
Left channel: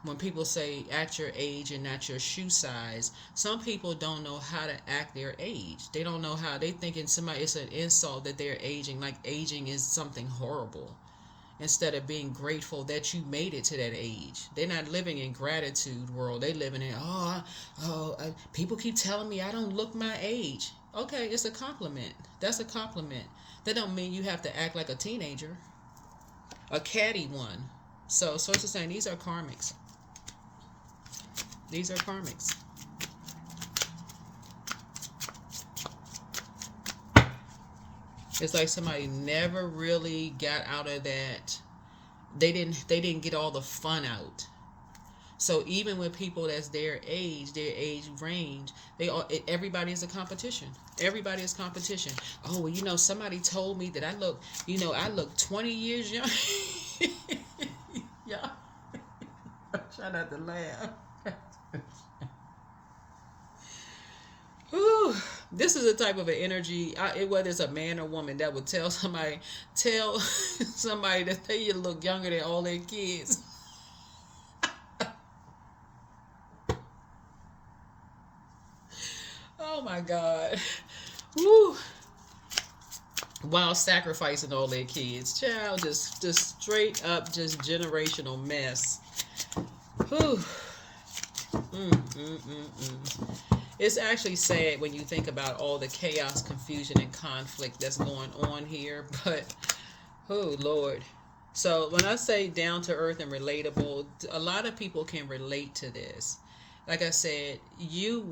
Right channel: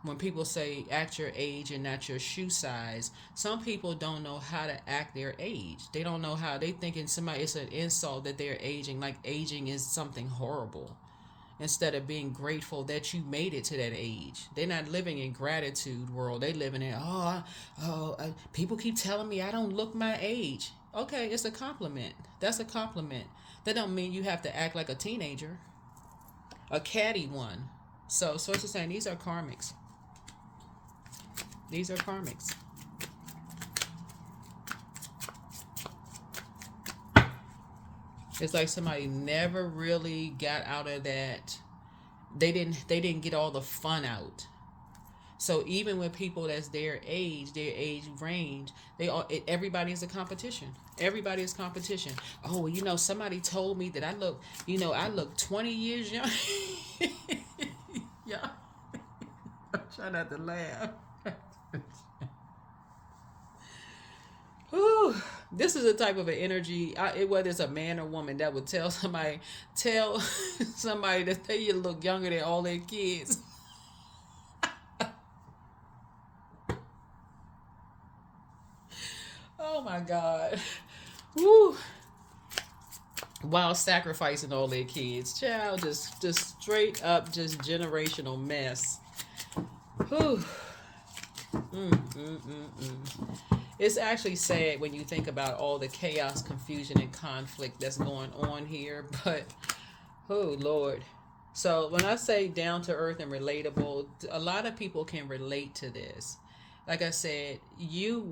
when people say act your age and not your shoe size, some people don't know how to act their age. They don't know how. They thinking it's an insult that they're aging, like aging is something horrible, instead of being grateful that you made it to that age. They're not living in gratitude world. They living in people keep telling me I don't look my age. Okay, it's a compliment. That's a compliment. That don't mean you have to act like a teenager, a catty one. So sources saying these are karmics. These are karmics. It's like somebody never really got out of that. They didn't get all the fun out. So even with people that's their age range, everybody is a competition. Everybody is competition. Oh, well, somebody told me that I look 20 years young. Yeah. Try not to laugh. Whew. This is a type of an energy, whether it's a man or woman, that would tell somebody that they look younger than all their kids. Oh my God. Woo. While sacrificing all their kids. Child, just straight up, just generational mess. Whew. It's actually sad when you think about all the chaos, confusion, and conflict that's going on here. But, oh, Lord. So when I say down to earth and relatable, a lot of people can relate to this. Like I said, you're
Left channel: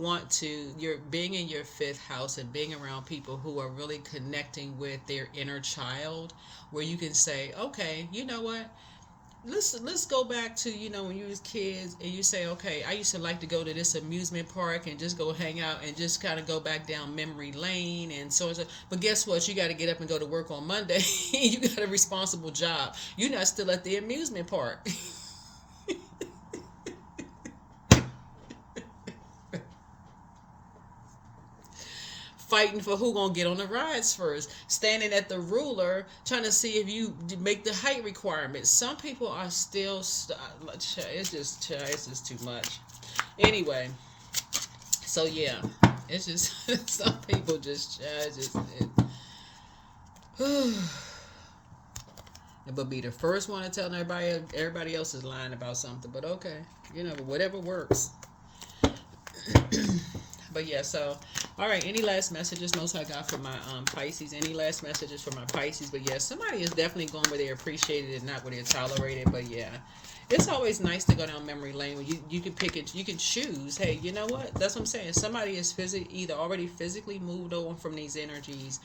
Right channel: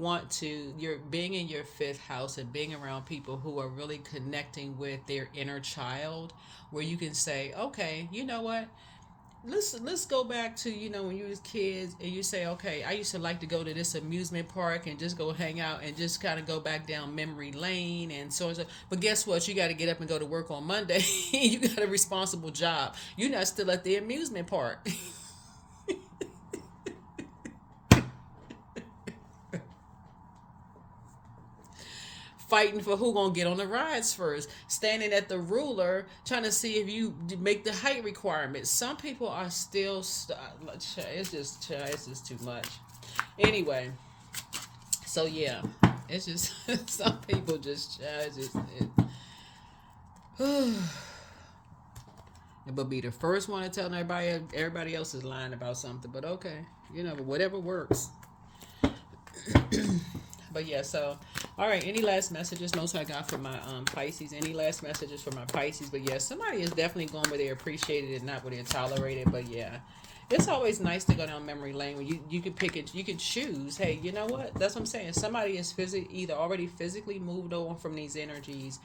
being in your fifth house and being around people who are really connecting with their inner child, where you can say, okay, you know what? Let's go back to, when you was kids and you say, okay, I used to like to go to this amusement park and just go hang out and just kind of go back down memory lane and so on. But guess what? You got to get up and go to work on Monday. You got a responsible job. You're not still at the amusement park. Fighting for who gonna get on the rides first, standing at the ruler trying to see if you make the height requirements. Some people are still it's just too much. Anyway, so yeah, it's just some people but be the first one to tell everybody else is lying about something. But okay, whatever works. But yeah, so all right, any last messages? Most I got for my Pisces. Any last messages for my Pisces? But yeah, somebody is definitely going where they're appreciated and not where they're tolerated. But yeah, it's always nice to go down memory lane when you can pick it, you can choose. Hey, you know what? That's what I'm saying. Somebody is either already physically moved on from these energies,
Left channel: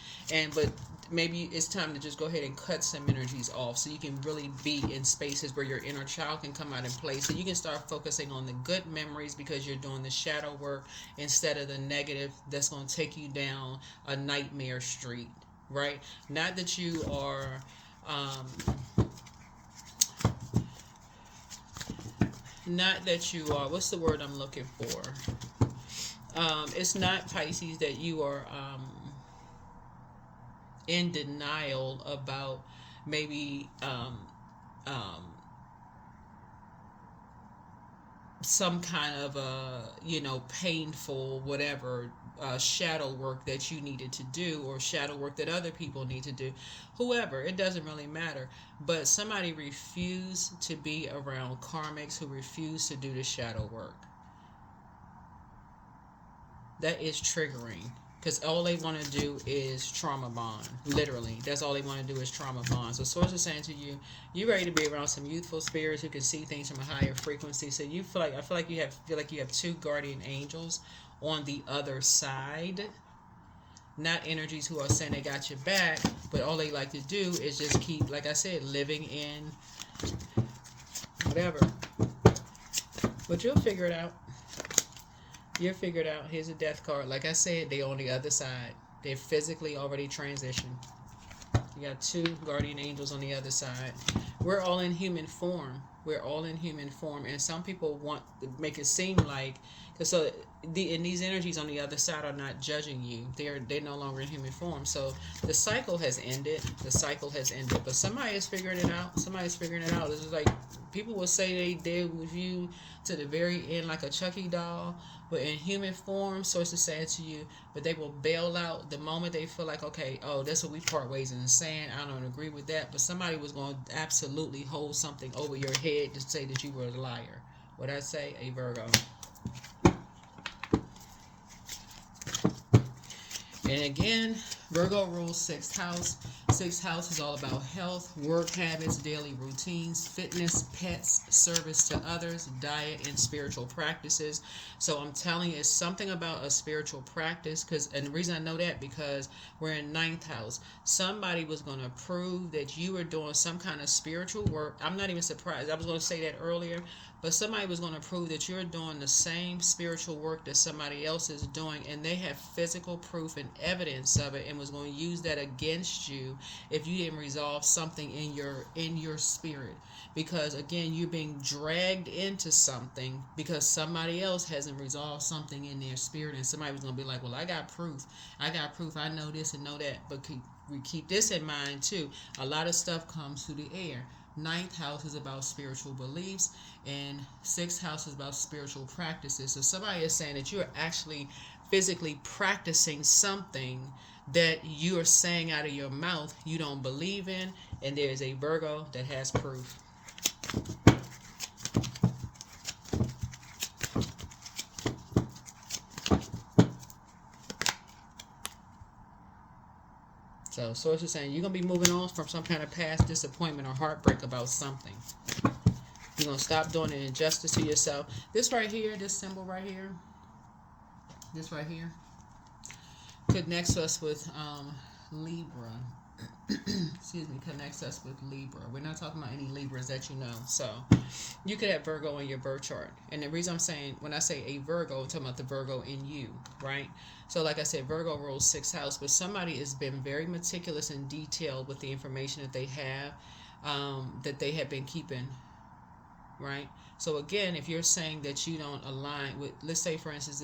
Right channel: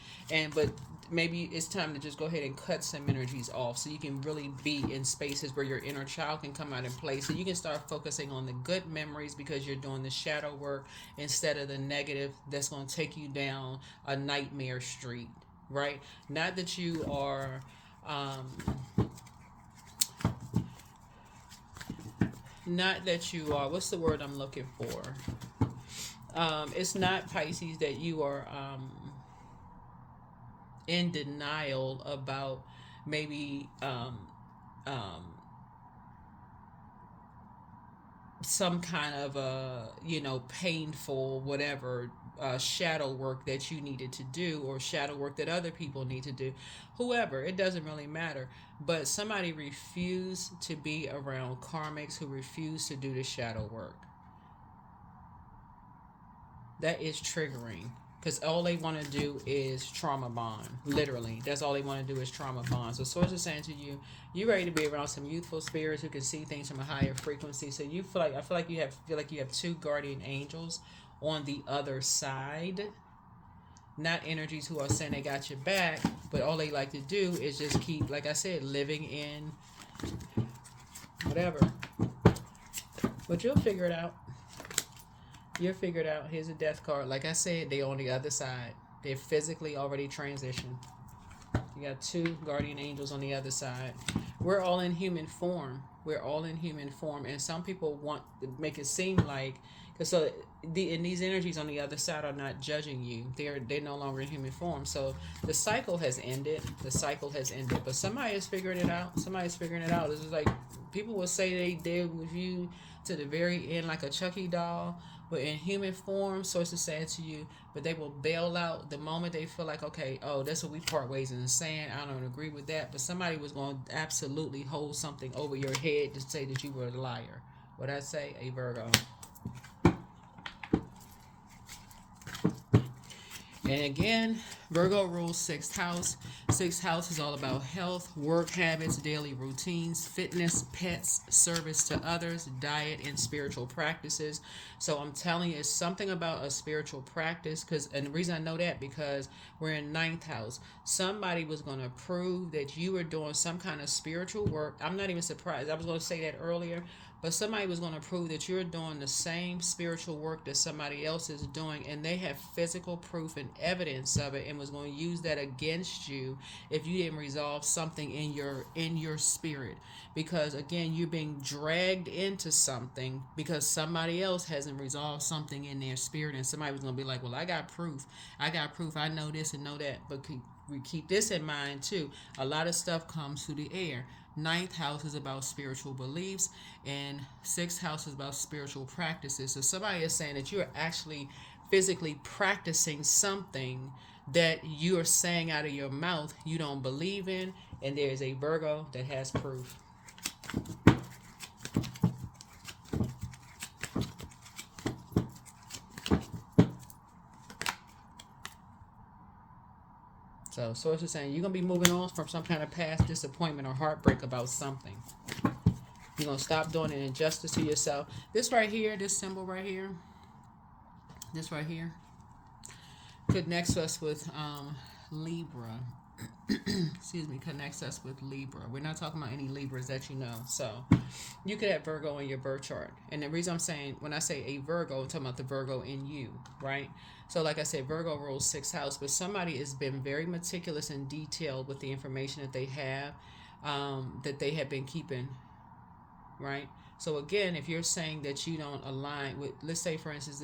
but maybe it's time to just go ahead and cut some energies off so you can really be in spaces where your inner child can come out and play, so you can start focusing on the good memories because you're doing the shadow work instead of the negative that's going to take you down a nightmare street, right? Not that you are not that you are, what's the word I'm looking for? It's not, Pisces, that you are in denial about maybe some kind of painful whatever shadow work that you needed to do, or shadow work that other people need to do, whoever, it doesn't really matter, but somebody refused to be around karmics who refuse to do the shadow work. That is triggering, because all they want to do is trauma bond. Literally, that's all they want to do is trauma bond. So source is saying to you, you ready to be around some youthful spirits who can see things from a higher frequency. So you feel like you have two guardian angels on the other side, not energies who are saying they got your back, but all they like to do is just keep, like I said, living in whatever. But you'll figure it out. You're figured out. Here's a death card. Like I said, they're on the other side. They're physically already transitioned. You got two guardian angels on the other side. We're all in human form. We're all in human form. And some people want to make it seem like, and these energies on the other side are not judging you. They're no longer in human form. So the cycle has ended. The cycle has ended. But somebody is figuring it out. Somebody's figuring it out. It's like people will say they did with you to the very end, like a Chucky doll. But in human form, sources say it to you, but they will bail out the moment they feel like, okay, oh, that's what we part ways in the sand. I don't agree with that. But somebody was going to absolutely hold something over your head to say that you were a liar. What I say? A Virgo. And again, Virgo rules 6th house. 6th house is all about health, work habits, daily routines, fitness, pets, service to others, diet, and spiritual practices. So I'm telling you, it's something about a spiritual practice. And the reason I know that, because we're in 9th house. Somebody was going to prove that you were doing some kind of spiritual work. I'm not even surprised. I was going to say that earlier. But somebody was going to prove that you're doing the same spiritual work that somebody else is doing, and they have physical proof and evidence of it, and was going to use that against you if you didn't resolve something in your spirit. Because again, you're being dragged into something because somebody else hasn't resolved something in their spirit, and somebody was going to be like, well, I got proof, I know this and know that. But we keep this in mind too. A lot of stuff comes through the air. 9th house is about spiritual beliefs, and 6th house is about spiritual practices. So somebody is saying that you're actually physically practicing something that you are saying out of your mouth you don't believe in, and there's a Virgo that has proof. So source is saying you're going to be moving on from some kind of past disappointment or heartbreak about something. You're going to stop doing an injustice to yourself. This right here, this symbol right here, this right here, connects us with Libra. Excuse me, connects us with Libra. We're not talking about any Libras that you know. So you could have Virgo in your birth chart. And the reason I'm saying, when I say a Virgo, I'm talking about the Virgo in you, right? So like I said, Virgo rules 6th house, but somebody has been very meticulous and detailed with the information that they have been keeping, right? So again, if you're saying that you don't align with, let's say for instance,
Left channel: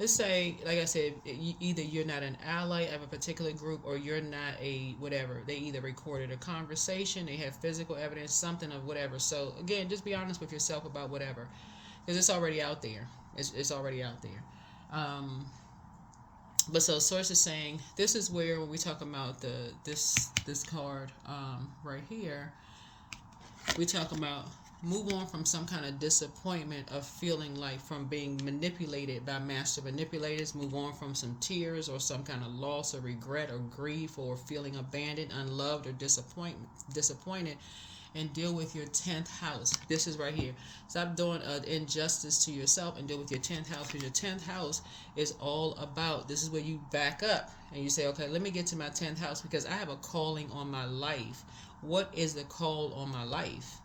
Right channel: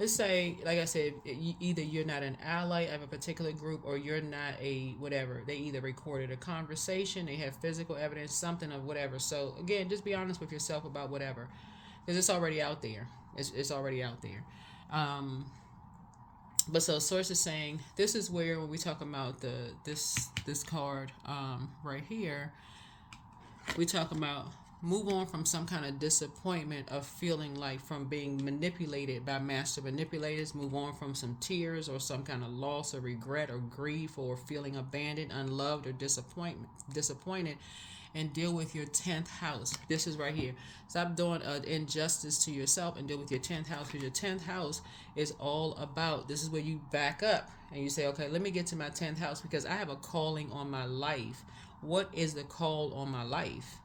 let's say, like I said, either you're not an ally of a particular group, or you're not a whatever. They either recorded a conversation, they have physical evidence, something of whatever. So again, just be honest with yourself about whatever, because it's already out there. It's already out there. But so source is saying this is where, when we talk about this card right here, we talk about move on from some kind of disappointment of feeling like from being manipulated by master manipulators. Move on from some tears or some kind of loss or regret or grief or feeling abandoned, unloved, or disappointed. and deal with your 10th house. This is right here. Stop doing injustice to yourself and deal with your 10th house, because your 10th house is all about, this is where you back up and you say, okay, let me get to my 10th house because I have a calling on my life. What is the call on my life?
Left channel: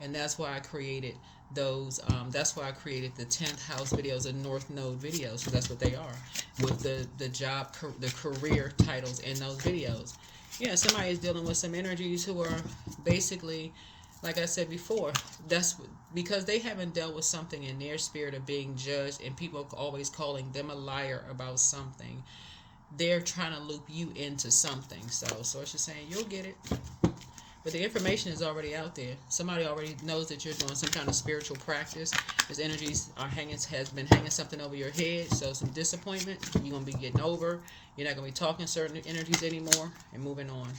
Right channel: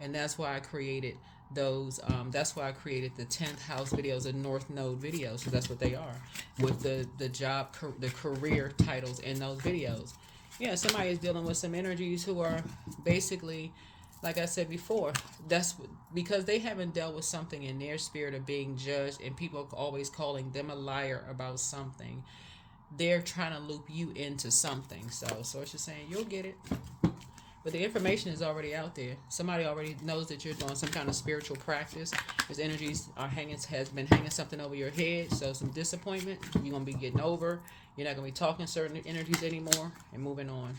And that's why I created those. That's why I created the 10th house videos, the North Node videos, because that's what they are, with the job, the career titles in those videos. Yeah, somebody is dealing with some energies who are basically, like I said before, that's because they haven't dealt with something in their spirit of being judged, and people are always calling them a liar about something. They're trying to loop you into something. So it's just saying you'll get it. But the information is already out there. Somebody already knows that you're doing some kind of spiritual practice. Those energies has been hanging something over your head. So some disappointment you're gonna be getting over. You're not gonna be talking certain energies anymore and moving on.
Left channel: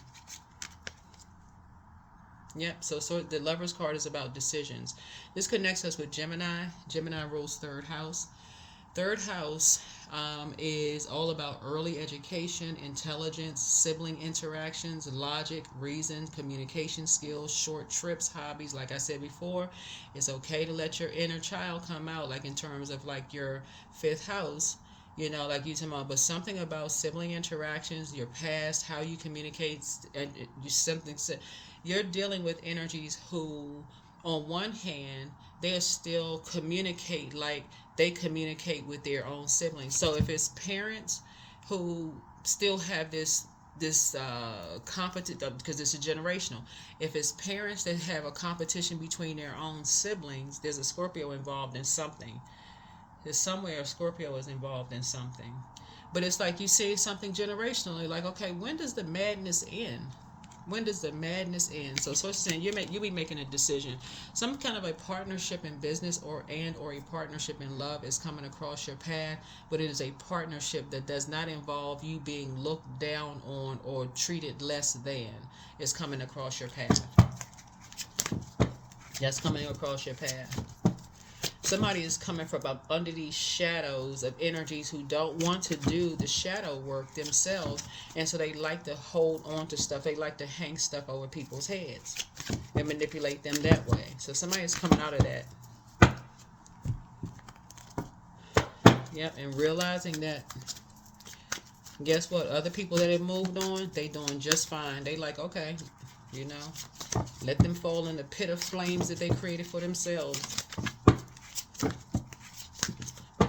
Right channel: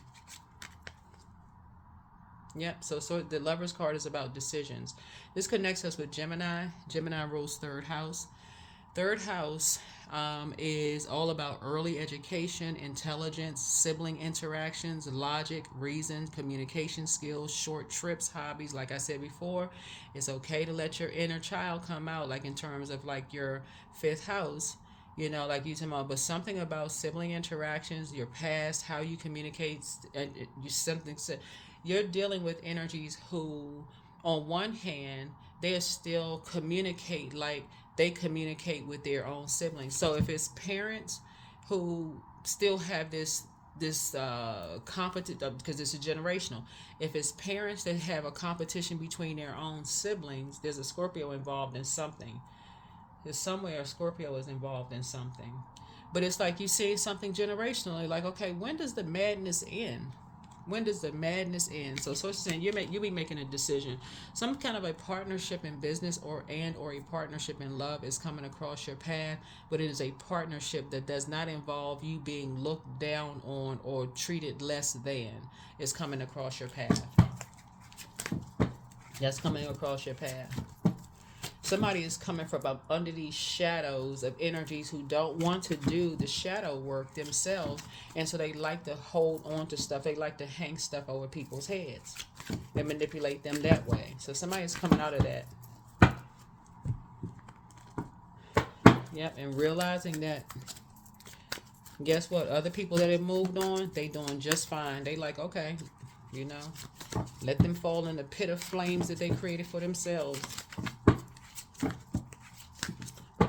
Yep. So the Lover's card is about decisions. This connects us with Gemini. Gemini rules third house. Third house is all about early education, intelligence, sibling interactions, logic, reason, communication skills, short trips, hobbies. Like I said before, it's okay to let your inner child come out, like in terms of like your fifth house, like you talking about, but something about sibling interactions, your past, how you communicate, and you're dealing with energies who, on one hand, they still communicate like they communicate with their own siblings. So if it's parents who still have this competition, because it's a generational. If it's parents that have a competition between their own siblings, there's a Scorpio involved in something. There's somewhere a Scorpio is involved in something. But it's like you see something generationally, like, okay, when does the madness end? When does the madness end? So it's saying you'll be making a decision. Some kind of a partnership in business or a partnership in love is coming across your path, but it is a partnership that does not involve you being looked down on or treated less than. It's coming across your path. That's coming across your path. Somebody is coming from up under these shadows of energies who don't want to do the shadow work themselves, and so they like to hold on to stuff. They like to hang stuff over people's heads. They manipulate them that way. So somebody is coming out of that. Yep, and realizing that, guess what? Other people that have moved on, they doing just fine. They like, okay, let them fall in the pit of flames that they created for themselves.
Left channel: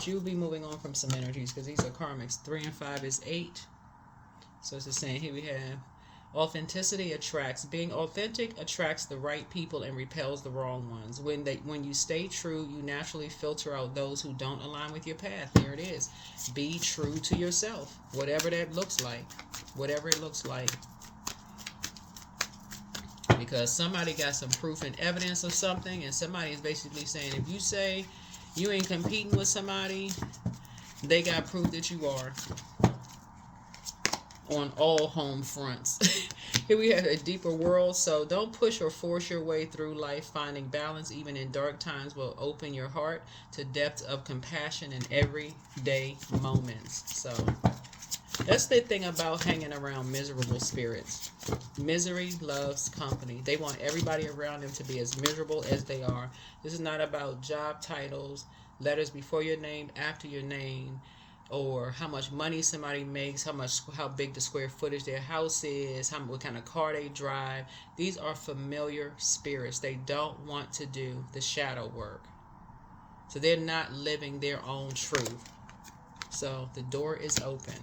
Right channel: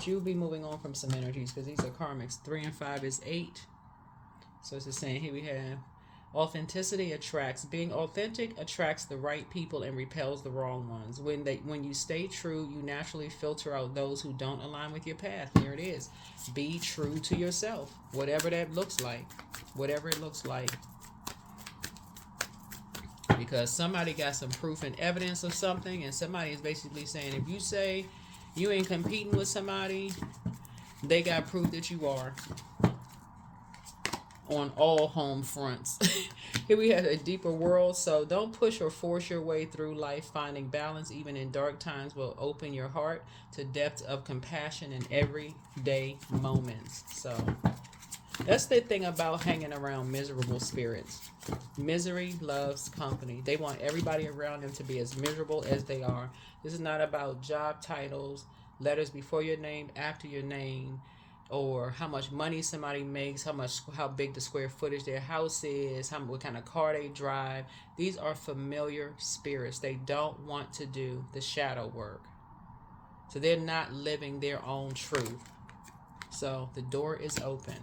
You'll be moving on from some energies because these are karmics. 3 and 5 is 8. So it's just saying here we have authenticity attracts. Being authentic attracts the right people and repels the wrong ones. When you stay true, you naturally filter out those who don't align with your path. Here it is. Be true to yourself, whatever that looks like. Whatever it looks like. Because somebody got some proof and evidence of something, and somebody is basically saying, if you say you ain't competing with somebody, they got proof that you are on all home fronts. Here we have a deeper world. So don't push or force your way through life. Finding balance even in dark times will open your heart to depth of compassion in everyday moments. So that's the thing about hanging around miserable spirits. Misery loves company. They want everybody around them to be as miserable as they are. This is not about job titles, letters before your name, after your name, or how much money somebody makes, how big the square footage their house is, what kind of car they drive. These are familiar spirits. They don't want to do the shadow work. So they're not living their own truth. So the door is open.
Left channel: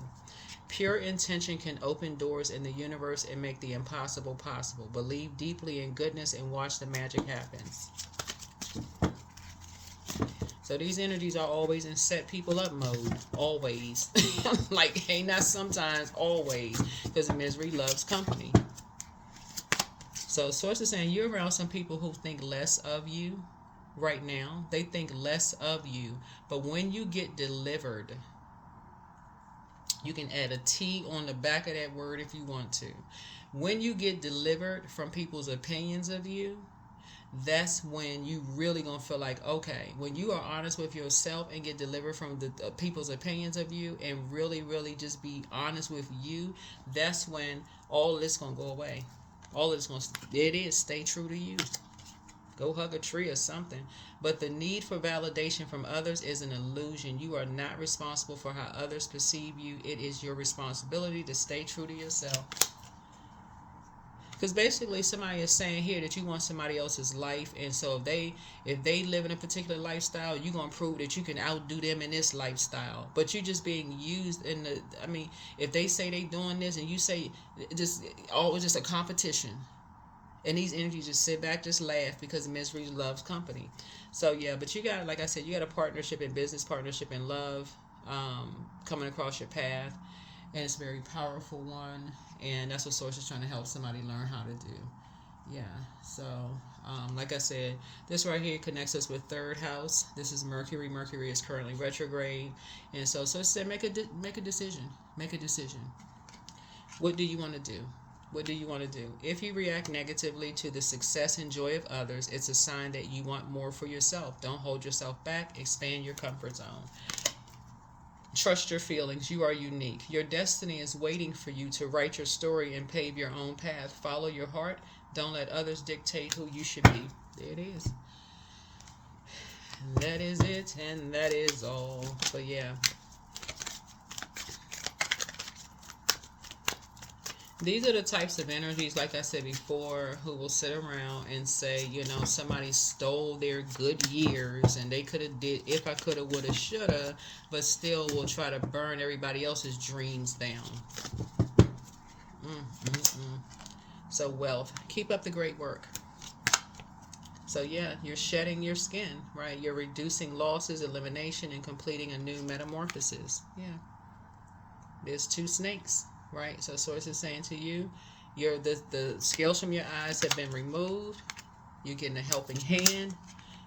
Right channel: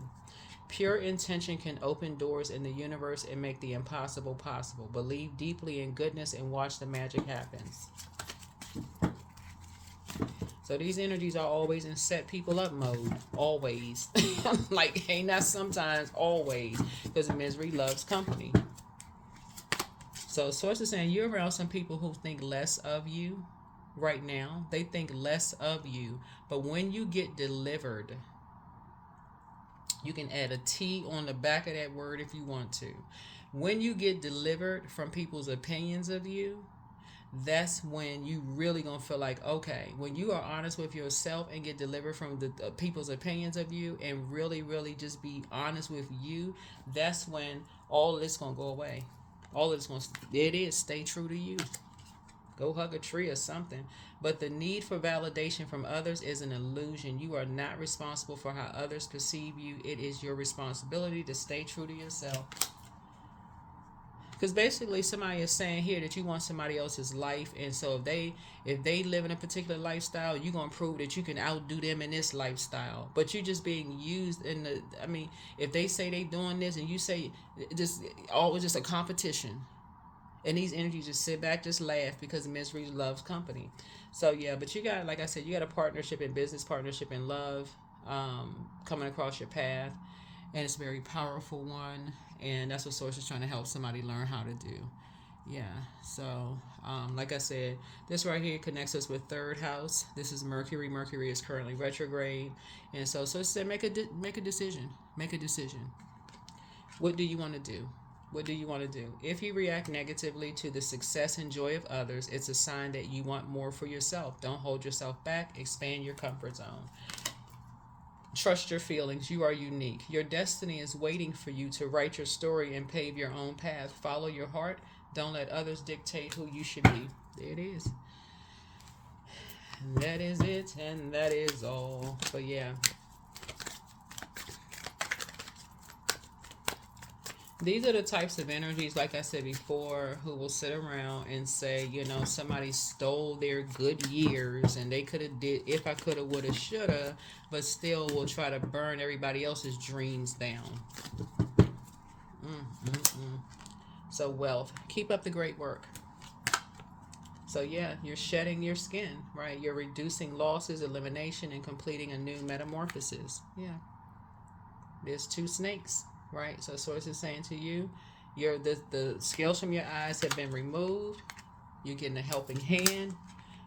Pure intention can open doors in the universe and make the impossible possible. Believe deeply in goodness and watch the magic happen. So these energies are always in set people up mode. Always. Like, hey, not sometimes, always. Because misery loves company. So Source is saying you're around some people who think less of you right now. They think less of you. But when you get delivered, you can add a T on the back of that word if you want to. When you get delivered from people's opinions of you, that's when you really gonna feel like, okay, when you are honest with yourself and get delivered from the people's opinions of you and really, really just be honest with you, that's when all of this gonna go away. All of this going to, it is, stay true to you. Go hug a tree or something. But the need for validation from others is an illusion. You are not responsible for how others perceive you. It is your responsibility to stay true to yourself. Because basically somebody is saying here that you want somebody else's life, and so if they live in a particular lifestyle, you're gonna prove that you can outdo them in this lifestyle. But you're just being used in the, I mean, if they say they doing this and you say just always just a competition. And these energies just sit back, just laugh, because misery loves company. So yeah, but you got, like I said, you got a partnership in business, partnership in love, coming across your path, and it's a very powerful one. And that's what Source is trying to help somebody learn how to do. Yeah. So, like I said, this right here connects us with third house. This is Mercury. Mercury is currently retrograde, and so it said make a decision. Make a decision. What do you want to do? What do you want to do? If you react negatively to the success and joy of others, it's a sign that you want more for yourself. Don't hold yourself back. Expand your comfort zone. Trust your feelings. You are unique. Your destiny is waiting for you to write your story and pave your own path. Follow your heart. Don't let others dictate who you should be. There it is. And that is it, and that is all. But yeah. These are the types of energies, like I said before, who will sit around and say, somebody stole their good years and they could have did if I could have, would have, should have, but still will try to burn everybody else's dreams down. So wealth. Keep up the great work. So yeah, you're shedding your skin, right? You're reducing losses, elimination, and completing a new metamorphosis. Yeah. There's two snakes. Right, so Source is saying to you, the scales from your eyes have been removed. You're getting a helping hand.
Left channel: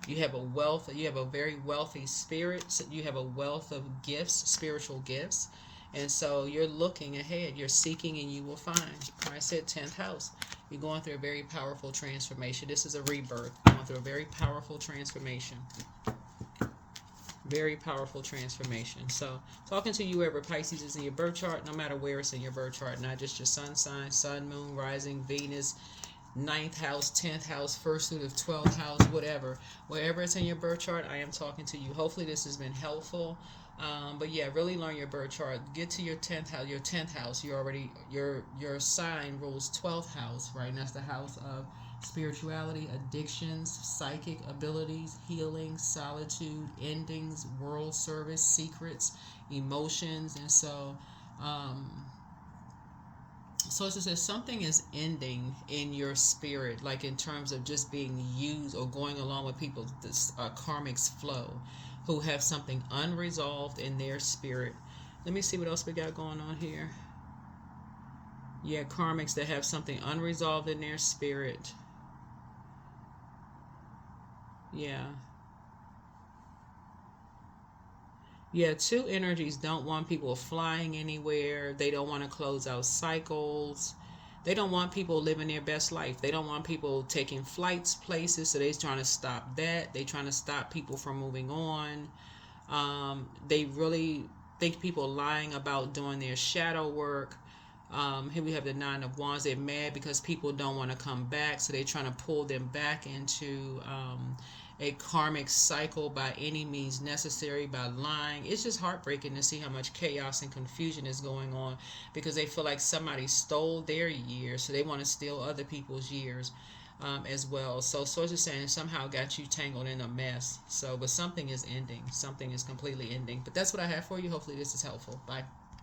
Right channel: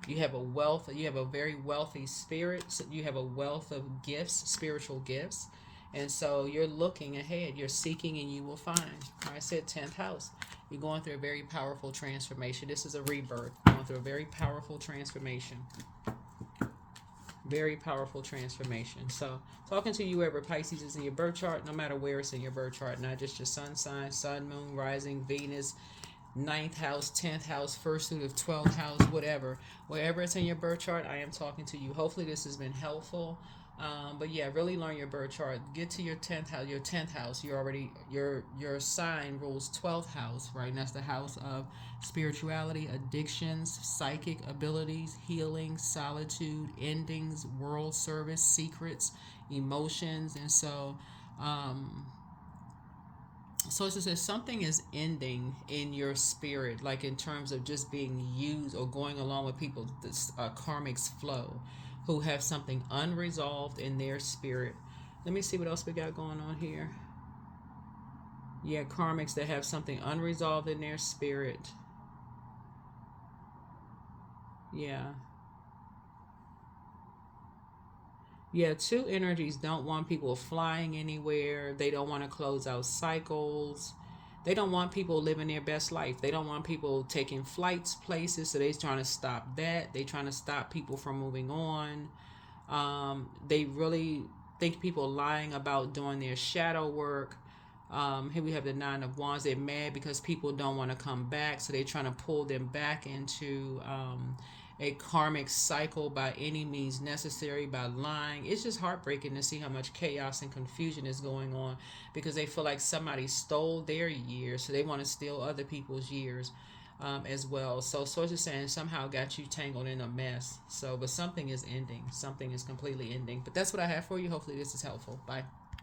You have a very wealthy spirit. So you have a wealth of gifts, spiritual gifts, and so you're looking ahead. You're seeking, and you will find. I said 10th house. You're going through a very powerful transformation. This is a rebirth. Going through a very powerful transformation. Very powerful transformation. So, talking to you wherever Pisces is in your birth chart, no matter where it's in your birth chart, not just your sun sign, sun, moon, rising, Venus, 9th house, 10th house, first suit of 12th house, whatever. Wherever it's in your birth chart, I am talking to you. Hopefully, this has been helpful. But yeah, really learn your birth chart. Get to your 10th house. Your 10th house, your sign rules 12th house, right? And that's the house of spirituality, addictions, psychic abilities, healing, solitude, endings, world service, secrets, emotions. And so it says something is ending in your spirit, like in terms of just being used or going along with people, this karmic's flow, who have something unresolved in their spirit. Let me see what else we got going on here. Yeah, karmics that have something unresolved in their spirit. Yeah. Yeah, two energies don't want people flying anywhere. They don't want to close out cycles. They don't want people living their best life. They don't want people taking flights places, so they're trying to stop that. They're trying to stop people from moving on. They really think people lying about doing their shadow work. Here we have the 9 of Wands. They're mad because people don't want to come back, so they're trying to pull them back into a karmic cycle by any means necessary, by lying. It's just heartbreaking to see how much chaos and confusion is going on, because they feel like somebody stole their years, so they want to steal other people's years as well. So Source is saying somehow got you tangled in a mess. So, but something is ending. Something is completely ending. But that's what I have for you. Hopefully this is helpful. Bye.